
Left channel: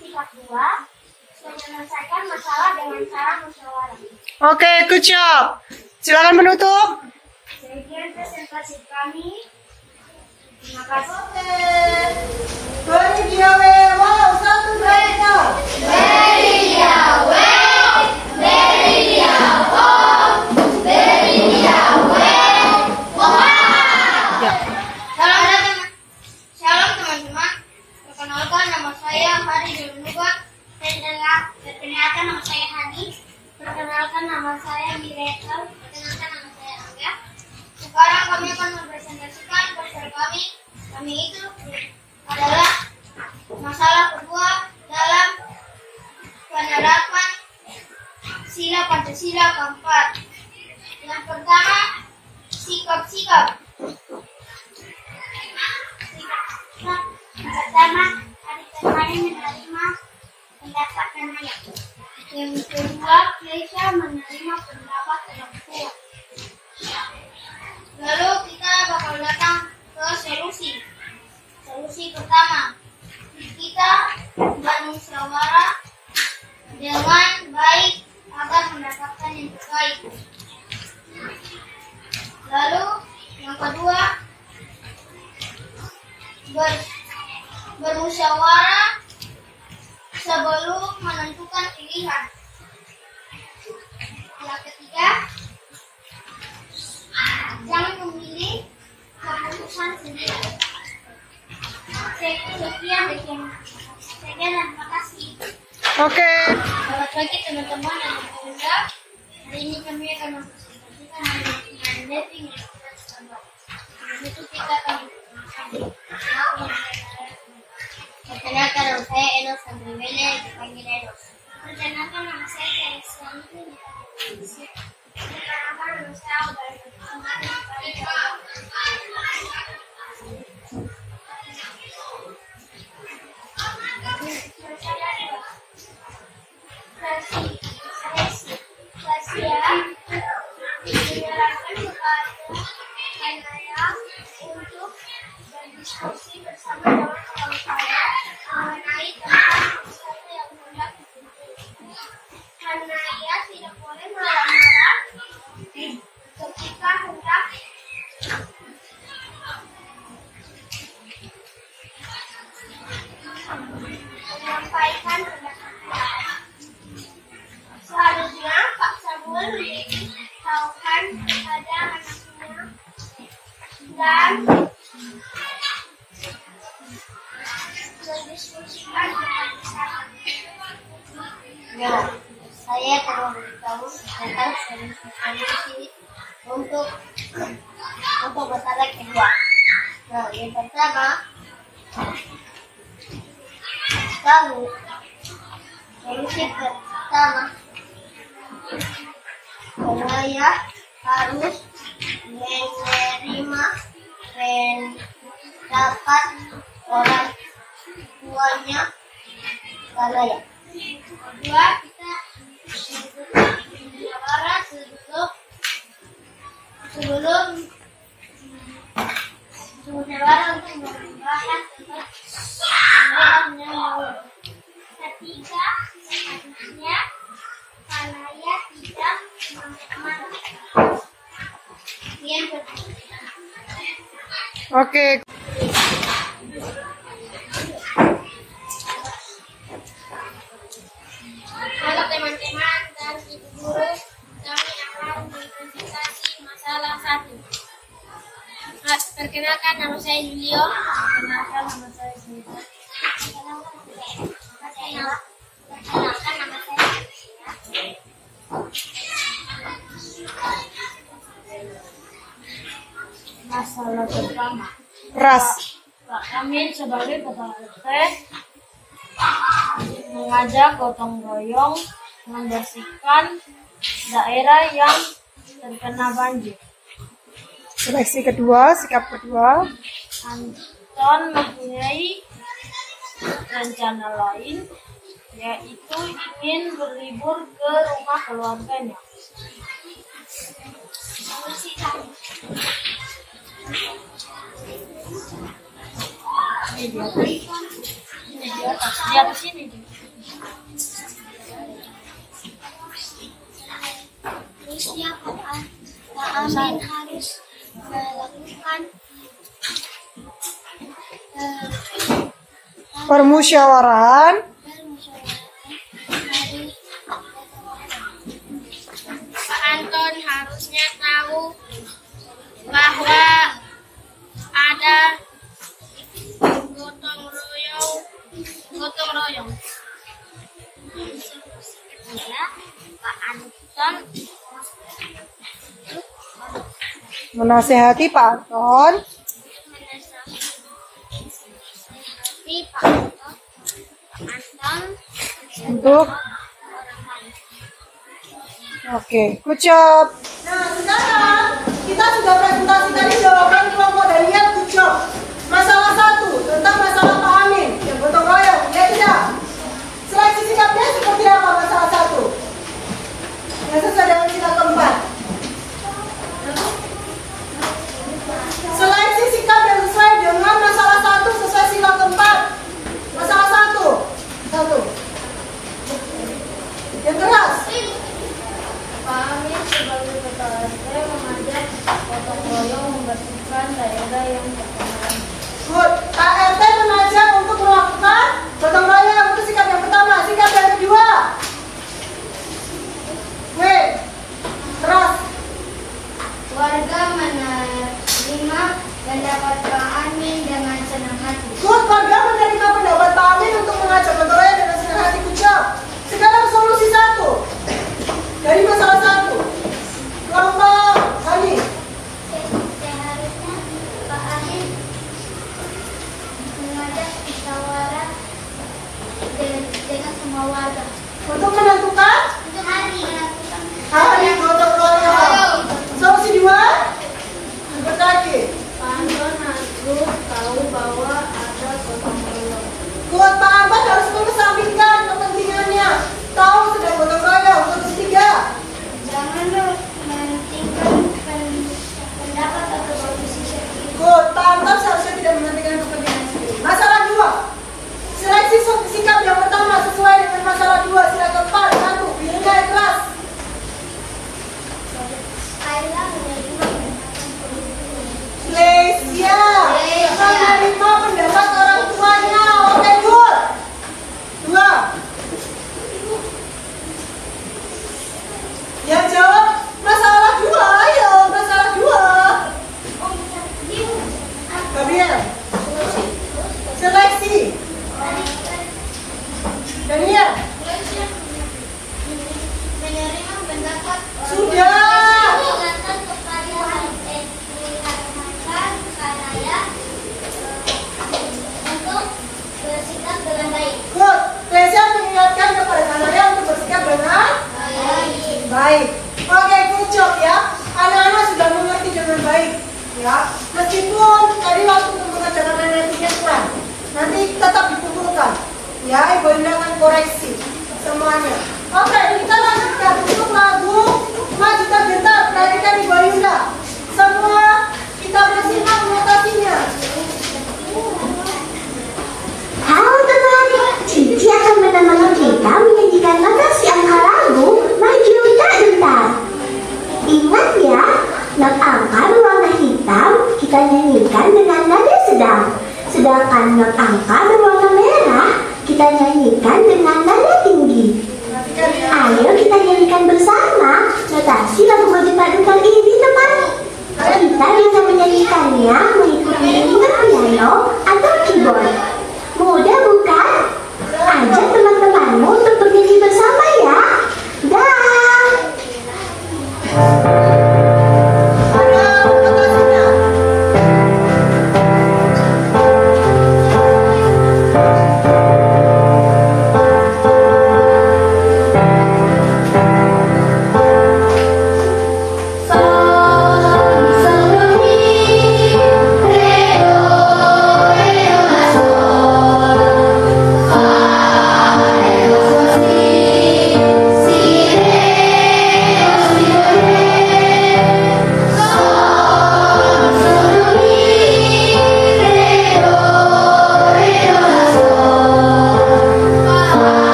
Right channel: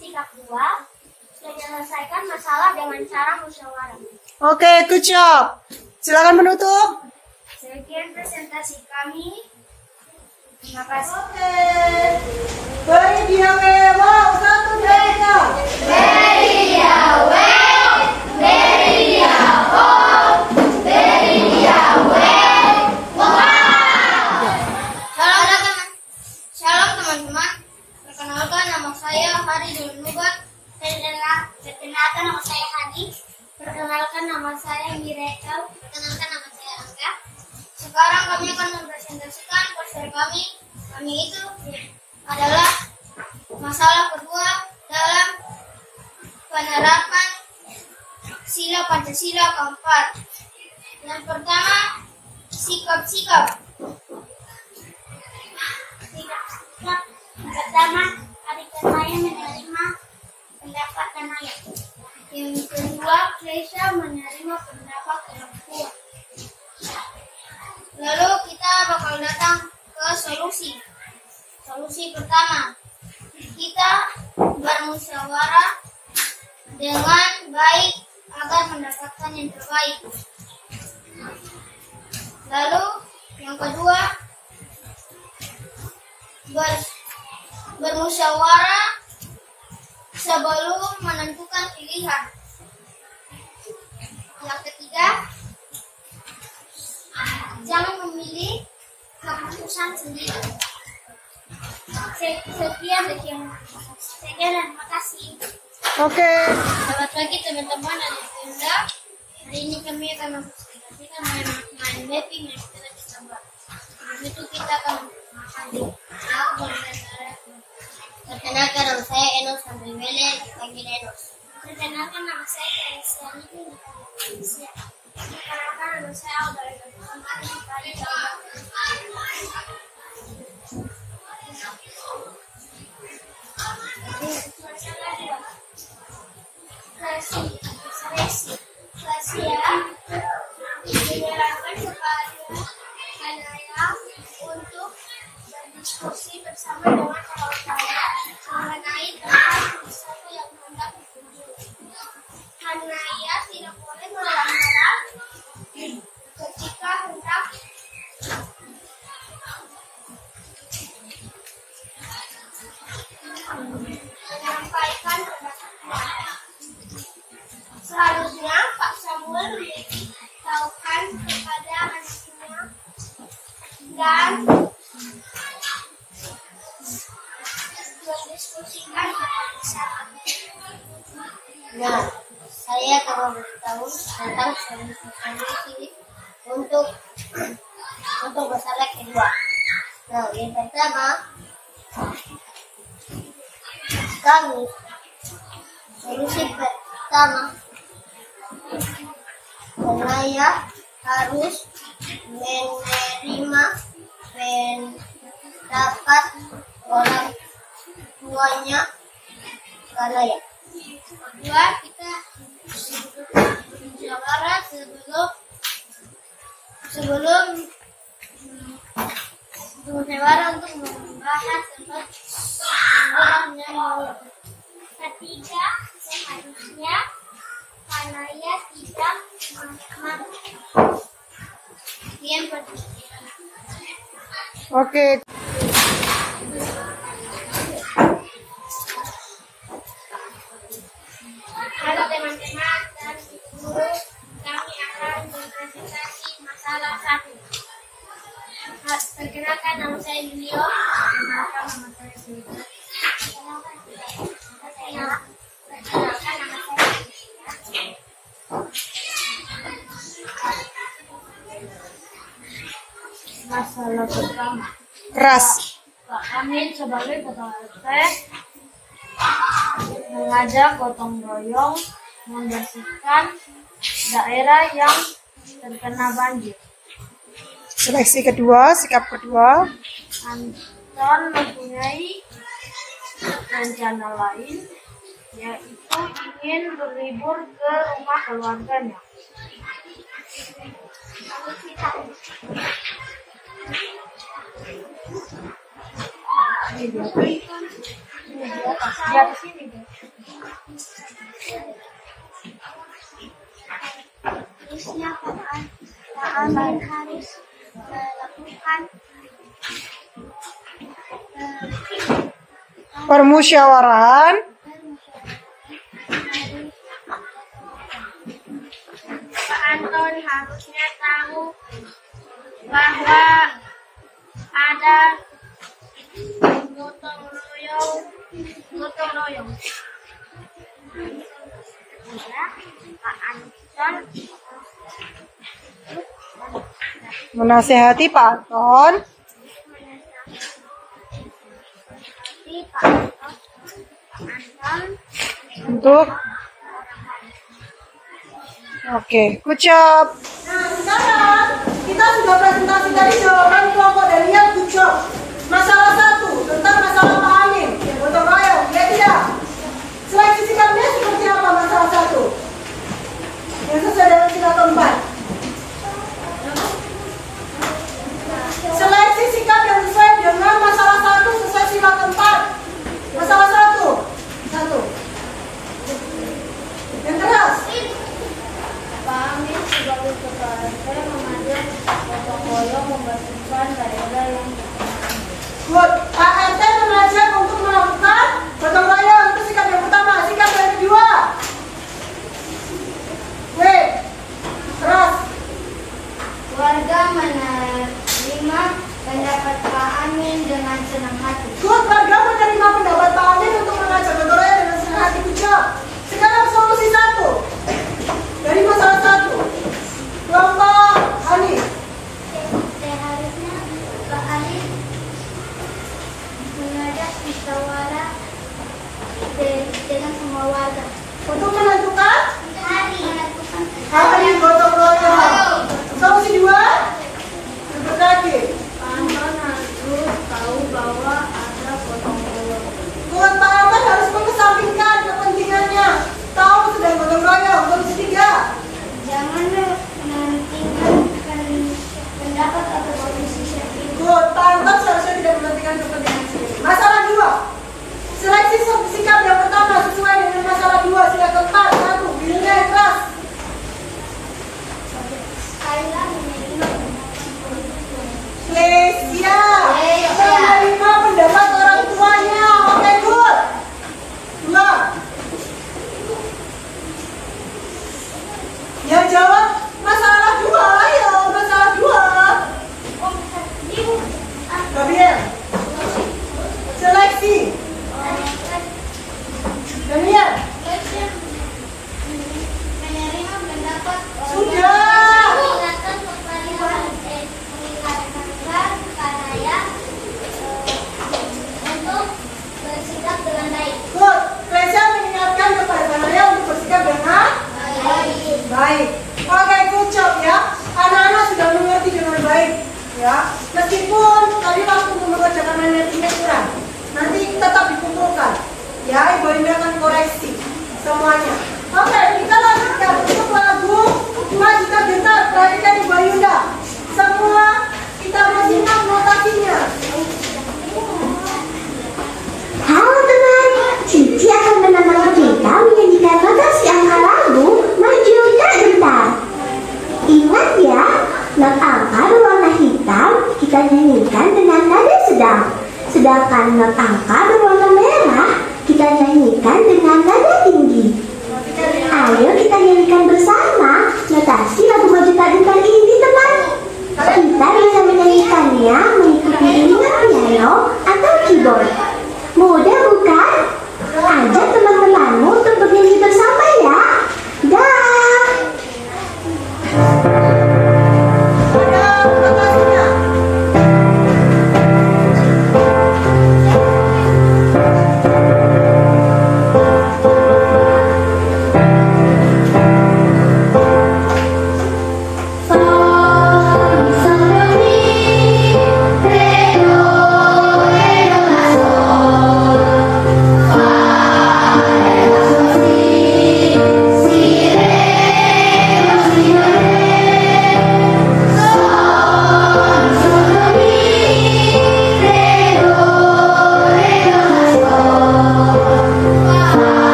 Sikap 2, menyelesaikan masalah dengan cara musyawarah. Oke, good job. Silakan menutup. Sekian presentasi kami. Terima kasih. Beri dia wow, satu dua. Beri dia Ya. Shalom teman-teman. Perkenalkan, nama saya Hari Dunuba. Perkenalkan, nama saya Hani. Perkenalkan, nama saya Miracle. Perkenalkan, nama saya Angga. Sekarang kami akan mempresentasikan poster kami. Kami itu adalah masalah kedua dalam penerapan sila Pancasila keempat. Yang pertama, sikap-sikap. Pertama, adik saya menerima pendapat Naya. Yang kedua, Keisha menerima pendapat orang tua. Lalu kita bakal datang ke solusi. Solusi pertama, kita bermusyawarah dengan baik agar mendapatkan yang terbaik. Lalu yang kedua, bermusyawarah sebelum menentukan pilihan. Yang ketiga, jangan memilih keputusan sendiri. Sekian dan terima kasih. Oke. Selamat pagi teman-teman dan bunda. Hari ini kami akan mempresentasikan main mapping yang kita bisa buat. Itu kita akan perkenalkan, nama saya Enos Andriwele, dipanggil Enos. Perkenalkan, nama saya Teresa. Perkenalkan, nama saya Alda. Dinyatakan kepada Hanaya untuk berdiskusi bersama dengan kawan-kawan mengenai tentang wisata yang hendak dikunjungi. Hanaya tidak boleh marah-marah ketika hendak menyampaikan pendapatnya. Seharusnya Pak Samuel memberitahukan kepada anaknya dan mendiskusikan bersama. Ya, saya akan memberitahu tentang solusi untuk masalah kedua. Nah, yang pertama, solusi pertama, Hanaya harus menerima pendapat orang tuanya Hanaya. Kedua, kita musyawarah sebelum musyawarah untuk membahas tentang yang mau. Ketiga, seharusnya Kanaya tidak marah. Yang berikutnya. Oke. Halo teman-teman dan ibu guru, kami akan mempresentasi masalah 1. Perkenalkan, nama saya Julio. Perkenalkan, nama saya Sita. Perkenalkan, nama saya Masalah pertama. Ras. Pak Amin sebagai ketua RT mengajak gotong royong membersihkan daerah yang terkena banjir. Seleksi kedua, sikap kedua. Anton mempunyai rencana lain, yaitu ingin berlibur ke rumah keluarganya. Di atas ini. Terusnya Pak Amin harus melakukan Permusyawaraan. Pak Anton harusnya tahu bahwa ada gotong royong. Pak Anton Menasehati Pak Anton. Pak Anton Untuk. Oke, ucap. Nah, sekarang kita sudah presentasi tadi jawaban kelompok dari yang tujuh. Masalah 1 tentang masalah Pak Amin yang gotong royong, ya tidak? Seleksi sikapnya seperti apa masalah 1? Yang sesuai dengan sila keempat. Seleksi sikap yang sesuai dengan masalah 1 sesuai sila keempat. Masalah 1. Yang keras. Pak Amin sebagai ketua RT mengajak gotong royong membersihkan daerah yang terkena banjir. Good. Pak RT mengajak untuk melakukan gotong royong. Itu sikap yang pertama. Sikap yang kedua. W. Keras. Warga menerima pendapat Pak Amin dengan senang hati. Good. Warga menerima pendapat Pak Amin untuk mengajak gotong royong dengan senang hati. Good job. Sekarang solusi 1 dari masalah 1. Kelompok Hani. Seharusnya Pak Amin mengajak musyawarah dengan semua warga. Untuk menentukan Menentukan hari gotong royong. Solusi 2. Yang terakhir. Pak Anton harus tahu bahwa ada gotong royong. Good. Pak Anton harus mengesampingkan kepentingannya. Tahu sedang gotong royong. Solusi 3. Jangan mementingkan pendapat atau posisi sendiri. Good. Pak Anton seharusnya tidak mementingkan kepentingan sendiri. Masalah 2. Seleksi sikap yang pertama sesuai dengan masalah 2. Sila keempat. 1. Birunya yang keras. Kayla menerima Lesia menerima pendapat orang tuanya. Oke, good. 2. Yang jawab masalah 2. Ayo, masalah 2. Gabriel. Seleksi. Daniel. menerima pendapat Sudah. untuk bersikap dengan baik. Good. Lesia mengingatkan kepada Kanaya untuk bersikap dengan baik. Oke, good job ya. Anak-anak sudah mengerti dengan baik. Ya, meskipun tadi waktu untuk mengerjakan managenya kurang, nanti tetap dikumpulkan. Ya, Ibu Linda akan koreksi semuanya. Oke, kita lanjutkan untuk lagu Majuta Gentar. Perhatikan Ibu Yunda. Semua kita bersimak notasinya. Halo teman, Cici akan menemani dinyanyikan dengan nada tinggi. Ayo kita nyanyikan bersama notasi lagu maju padukan ini, teman. Kita bisa menyanyikannya mengikuti iringan piano atau keyboard. Mudah bukan? Ajak teman-temanmu untuk bernyanyi bersama ya. Dah.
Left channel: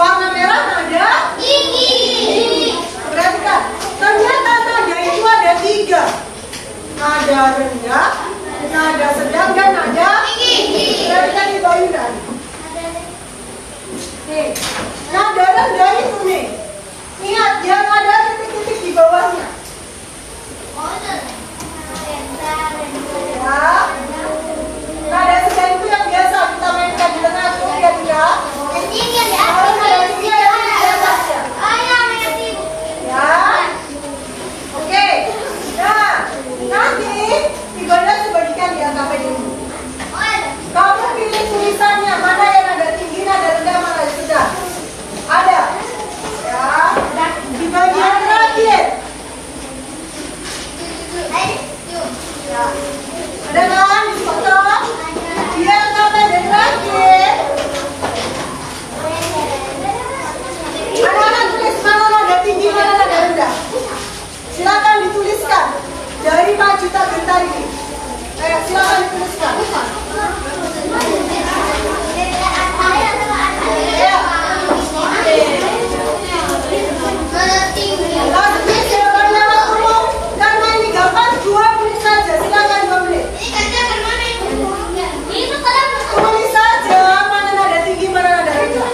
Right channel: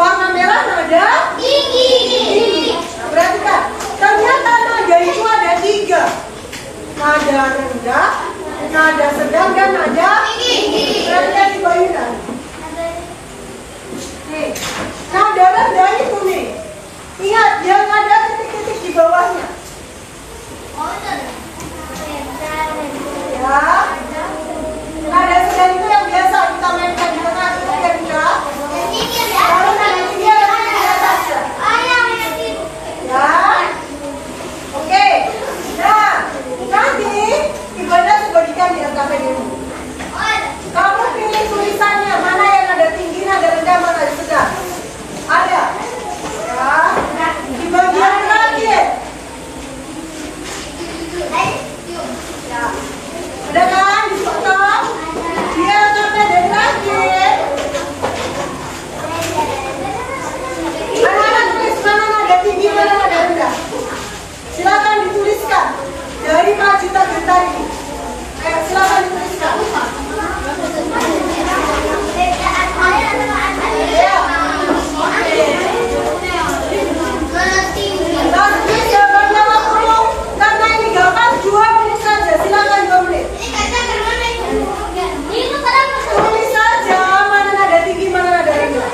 Warna merah nada tinggi. Perhatikan, ternyata nada itu ada 3. Nada rendah, nada sedang, dan nada tinggi. Perhatikan di Mbak Yuna. Nih, nada rendah itu nih. Ingat, yang ada titik-titik di bawahnya. Ya. Nada sedang itu yang biasa kita mainkan di tengah itu ya kita. Oke, nah nanti Ibanda sebagikan di angka ini. Kamu pilih tulisannya mana yang ada tinggi, ada rendah, mana yang sedang. Ada, ya. Di bagian terakhir. Ya. Ada kan di foto? Dia angka pendek terakhir. Anak-anak tulis mana nada tinggi, mana nada rendah. Silakan dituliskan dari 4 juta tadi. Ayo silakan dituliskan. Ya. Lanjut jawabannya ngomong. Karena ini gampang 2 menit saja. Silakan 2 menit. Tulis saja mana nada tinggi, mana nada rendah.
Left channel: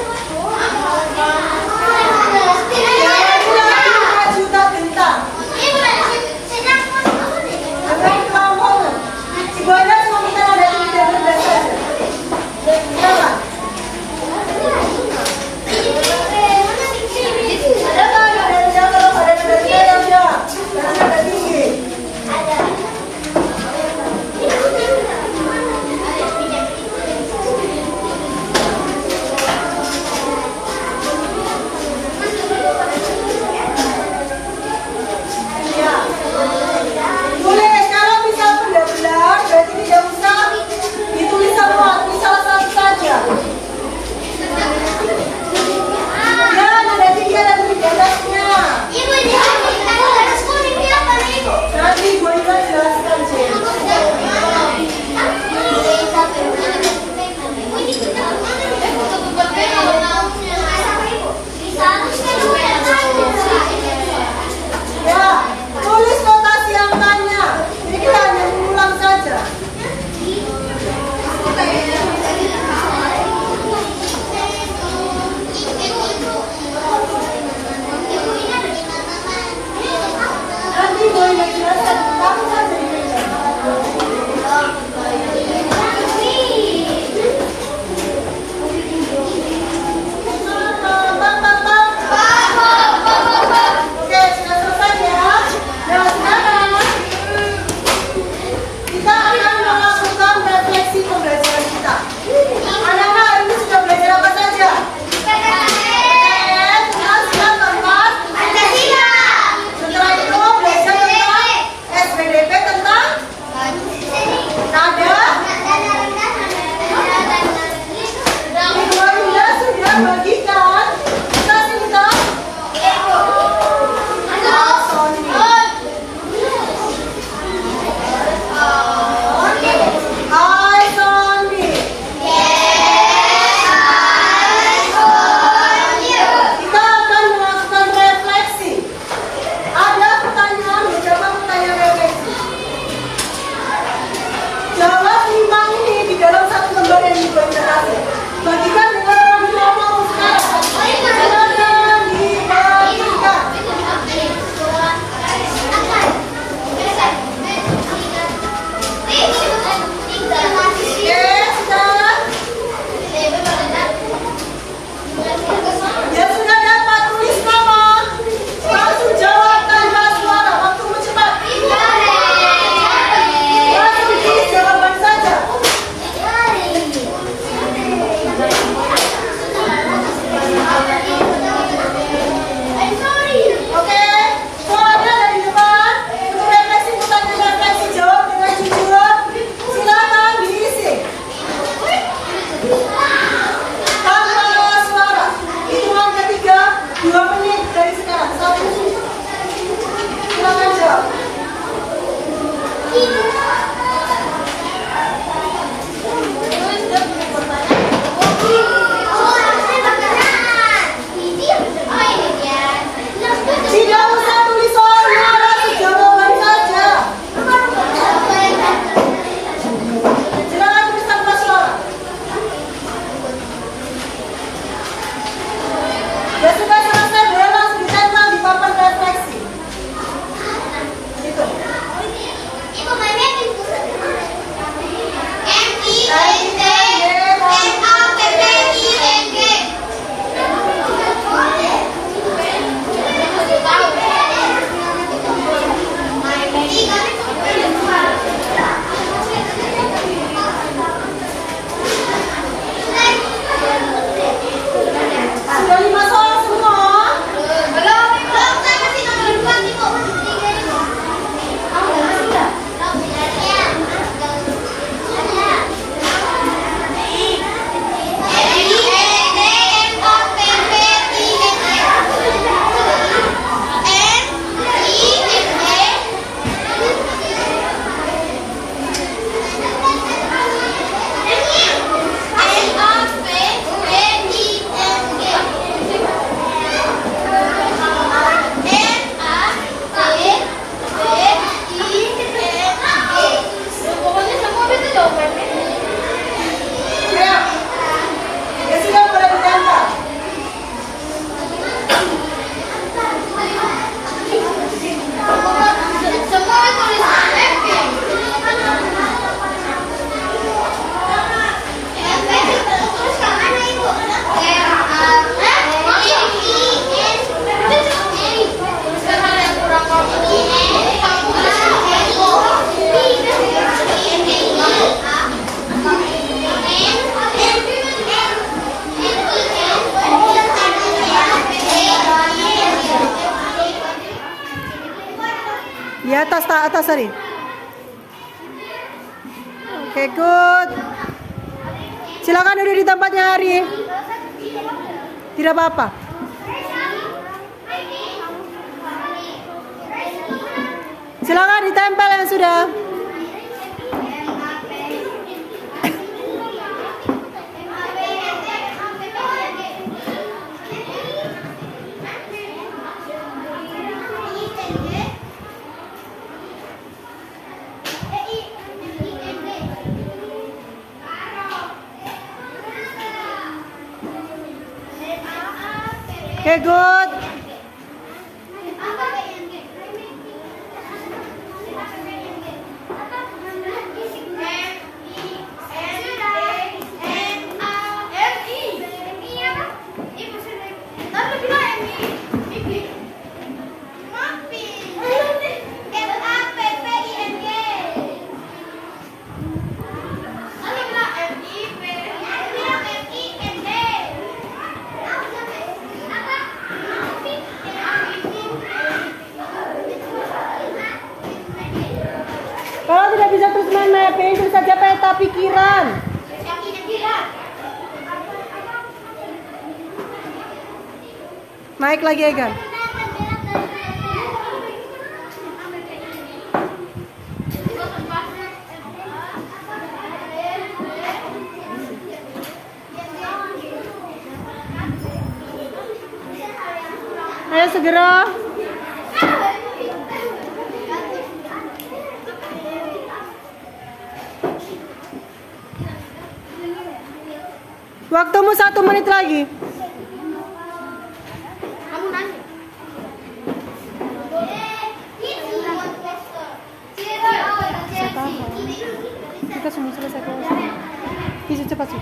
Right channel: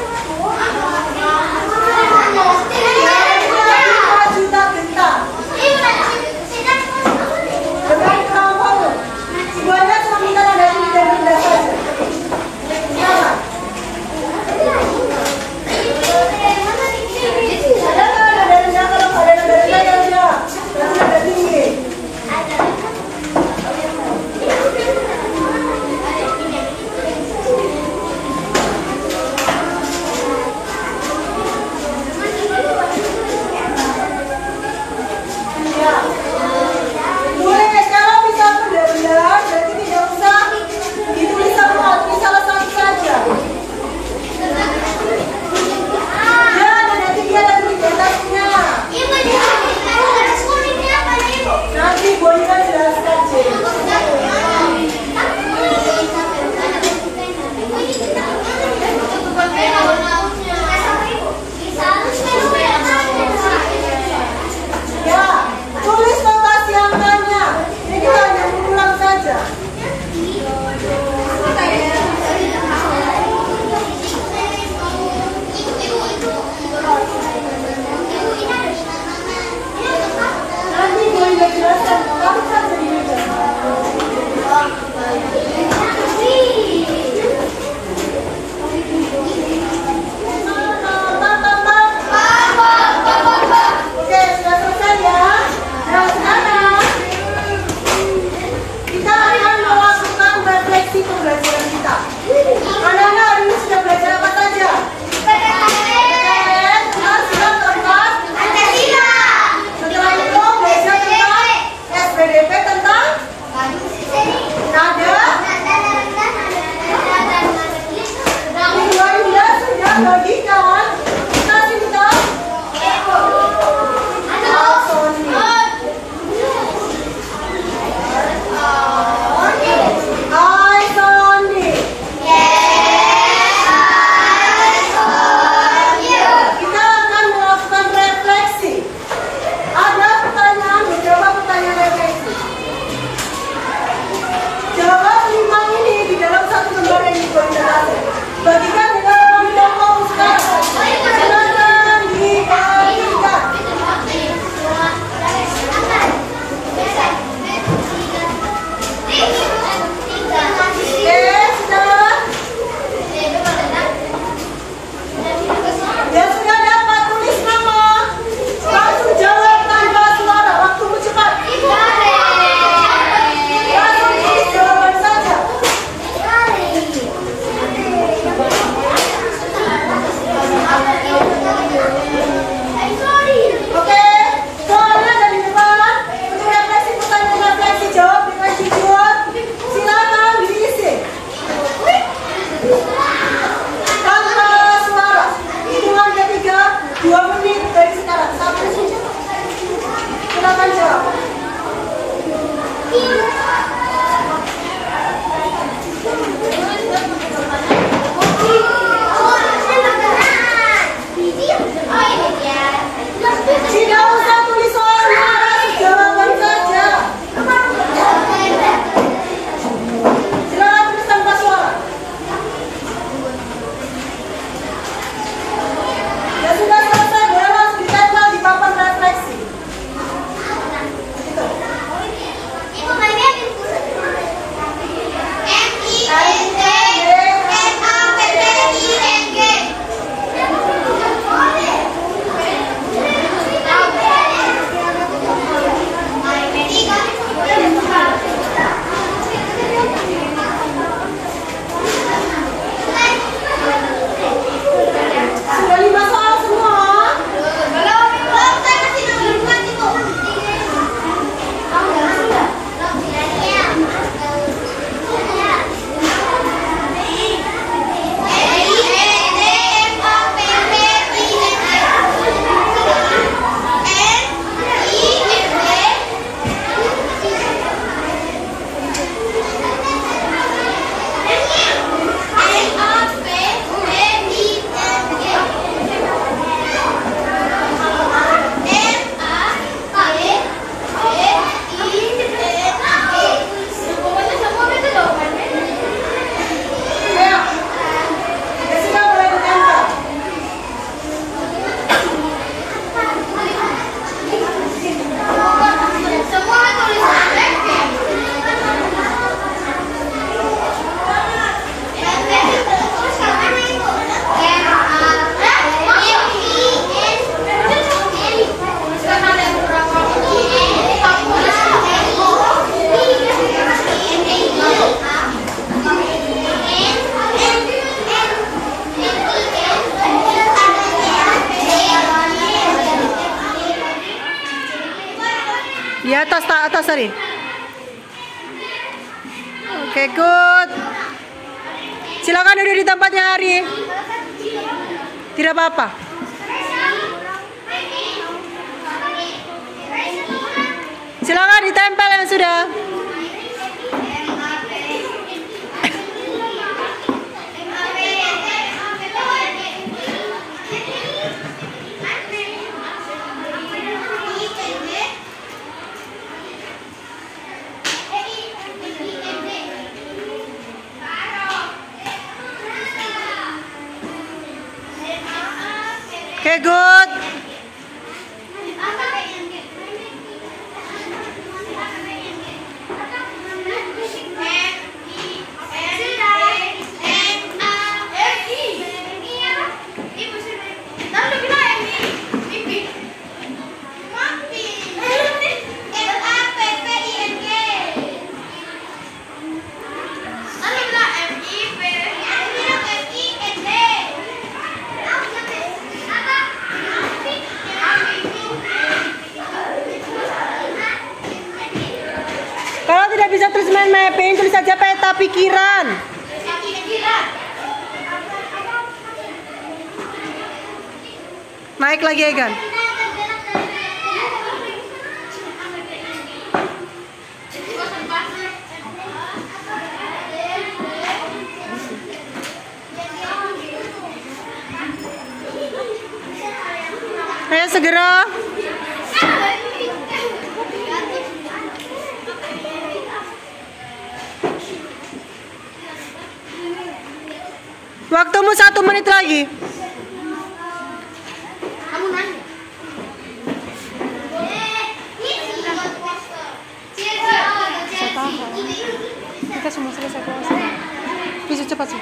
Di atas tadi. Oke, good. Silakan duduk di tempatnya, Ari. Tidak apa-apa. Silakan ditempel yang sudah. Oke, good. Kalau tidak bisa terus main mapping, tulis saja peta pikiran. Naik lagi, Egan. Ayo segera. Waktumu 1 menit lagi. Kita semua selesai puasa. Bisa cepat sih.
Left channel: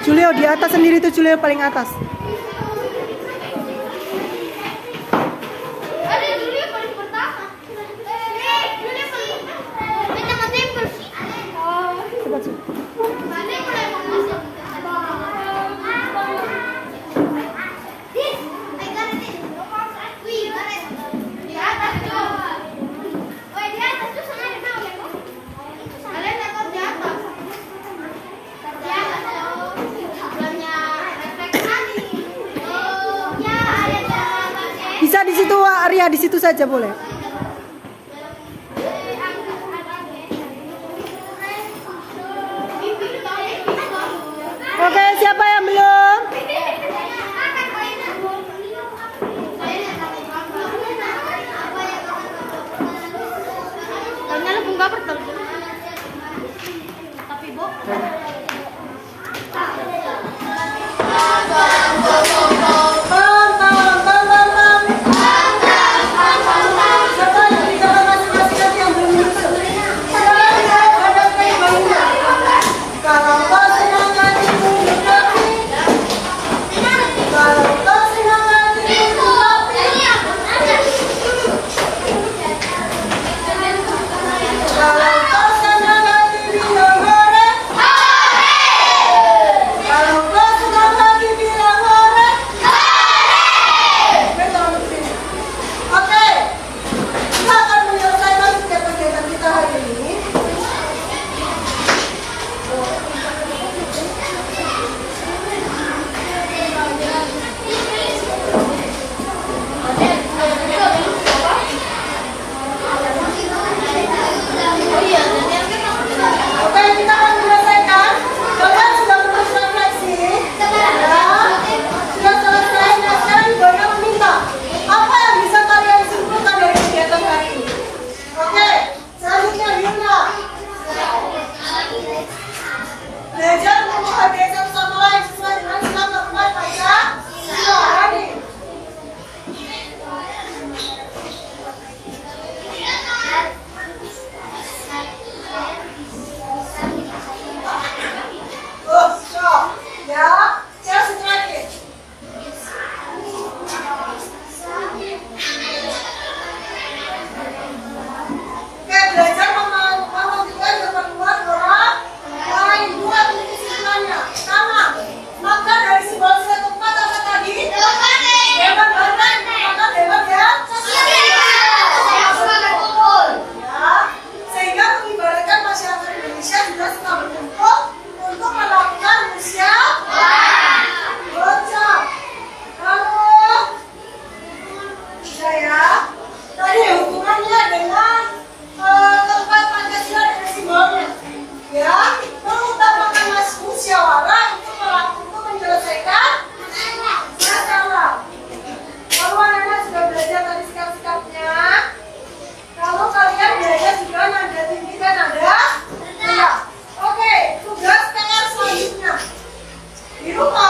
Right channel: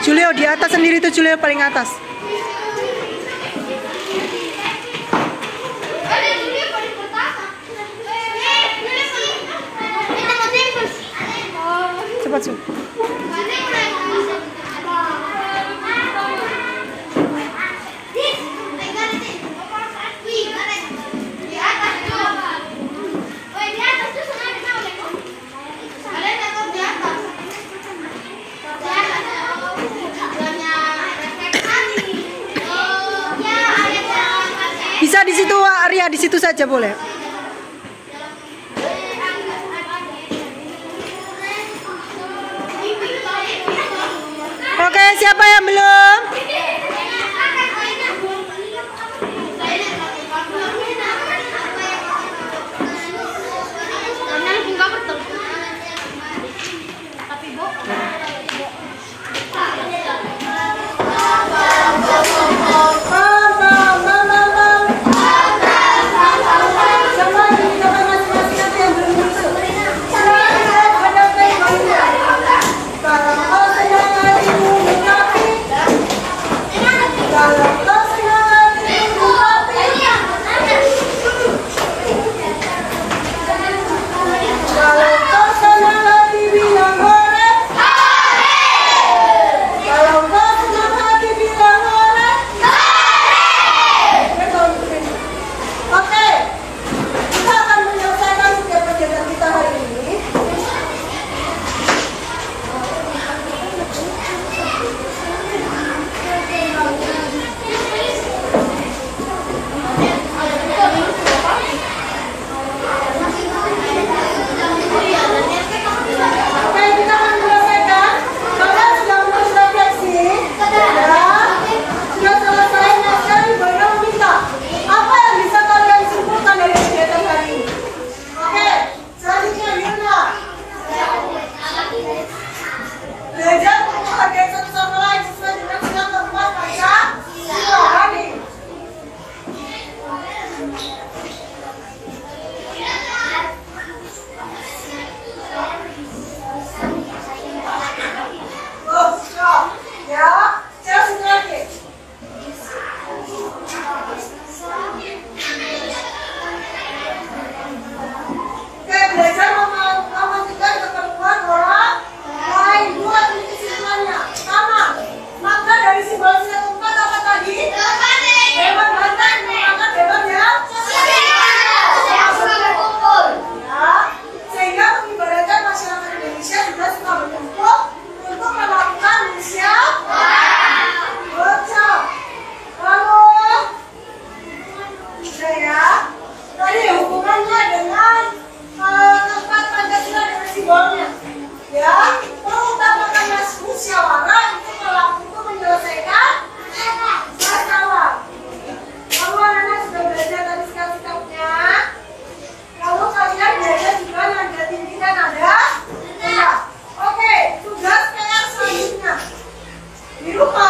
Julio di atas sendiri tuh, Julio paling atas. Cepat sih. Bisa di situ, Arya, di situ saja boleh. Oke, siapa yang belum? Di rumah.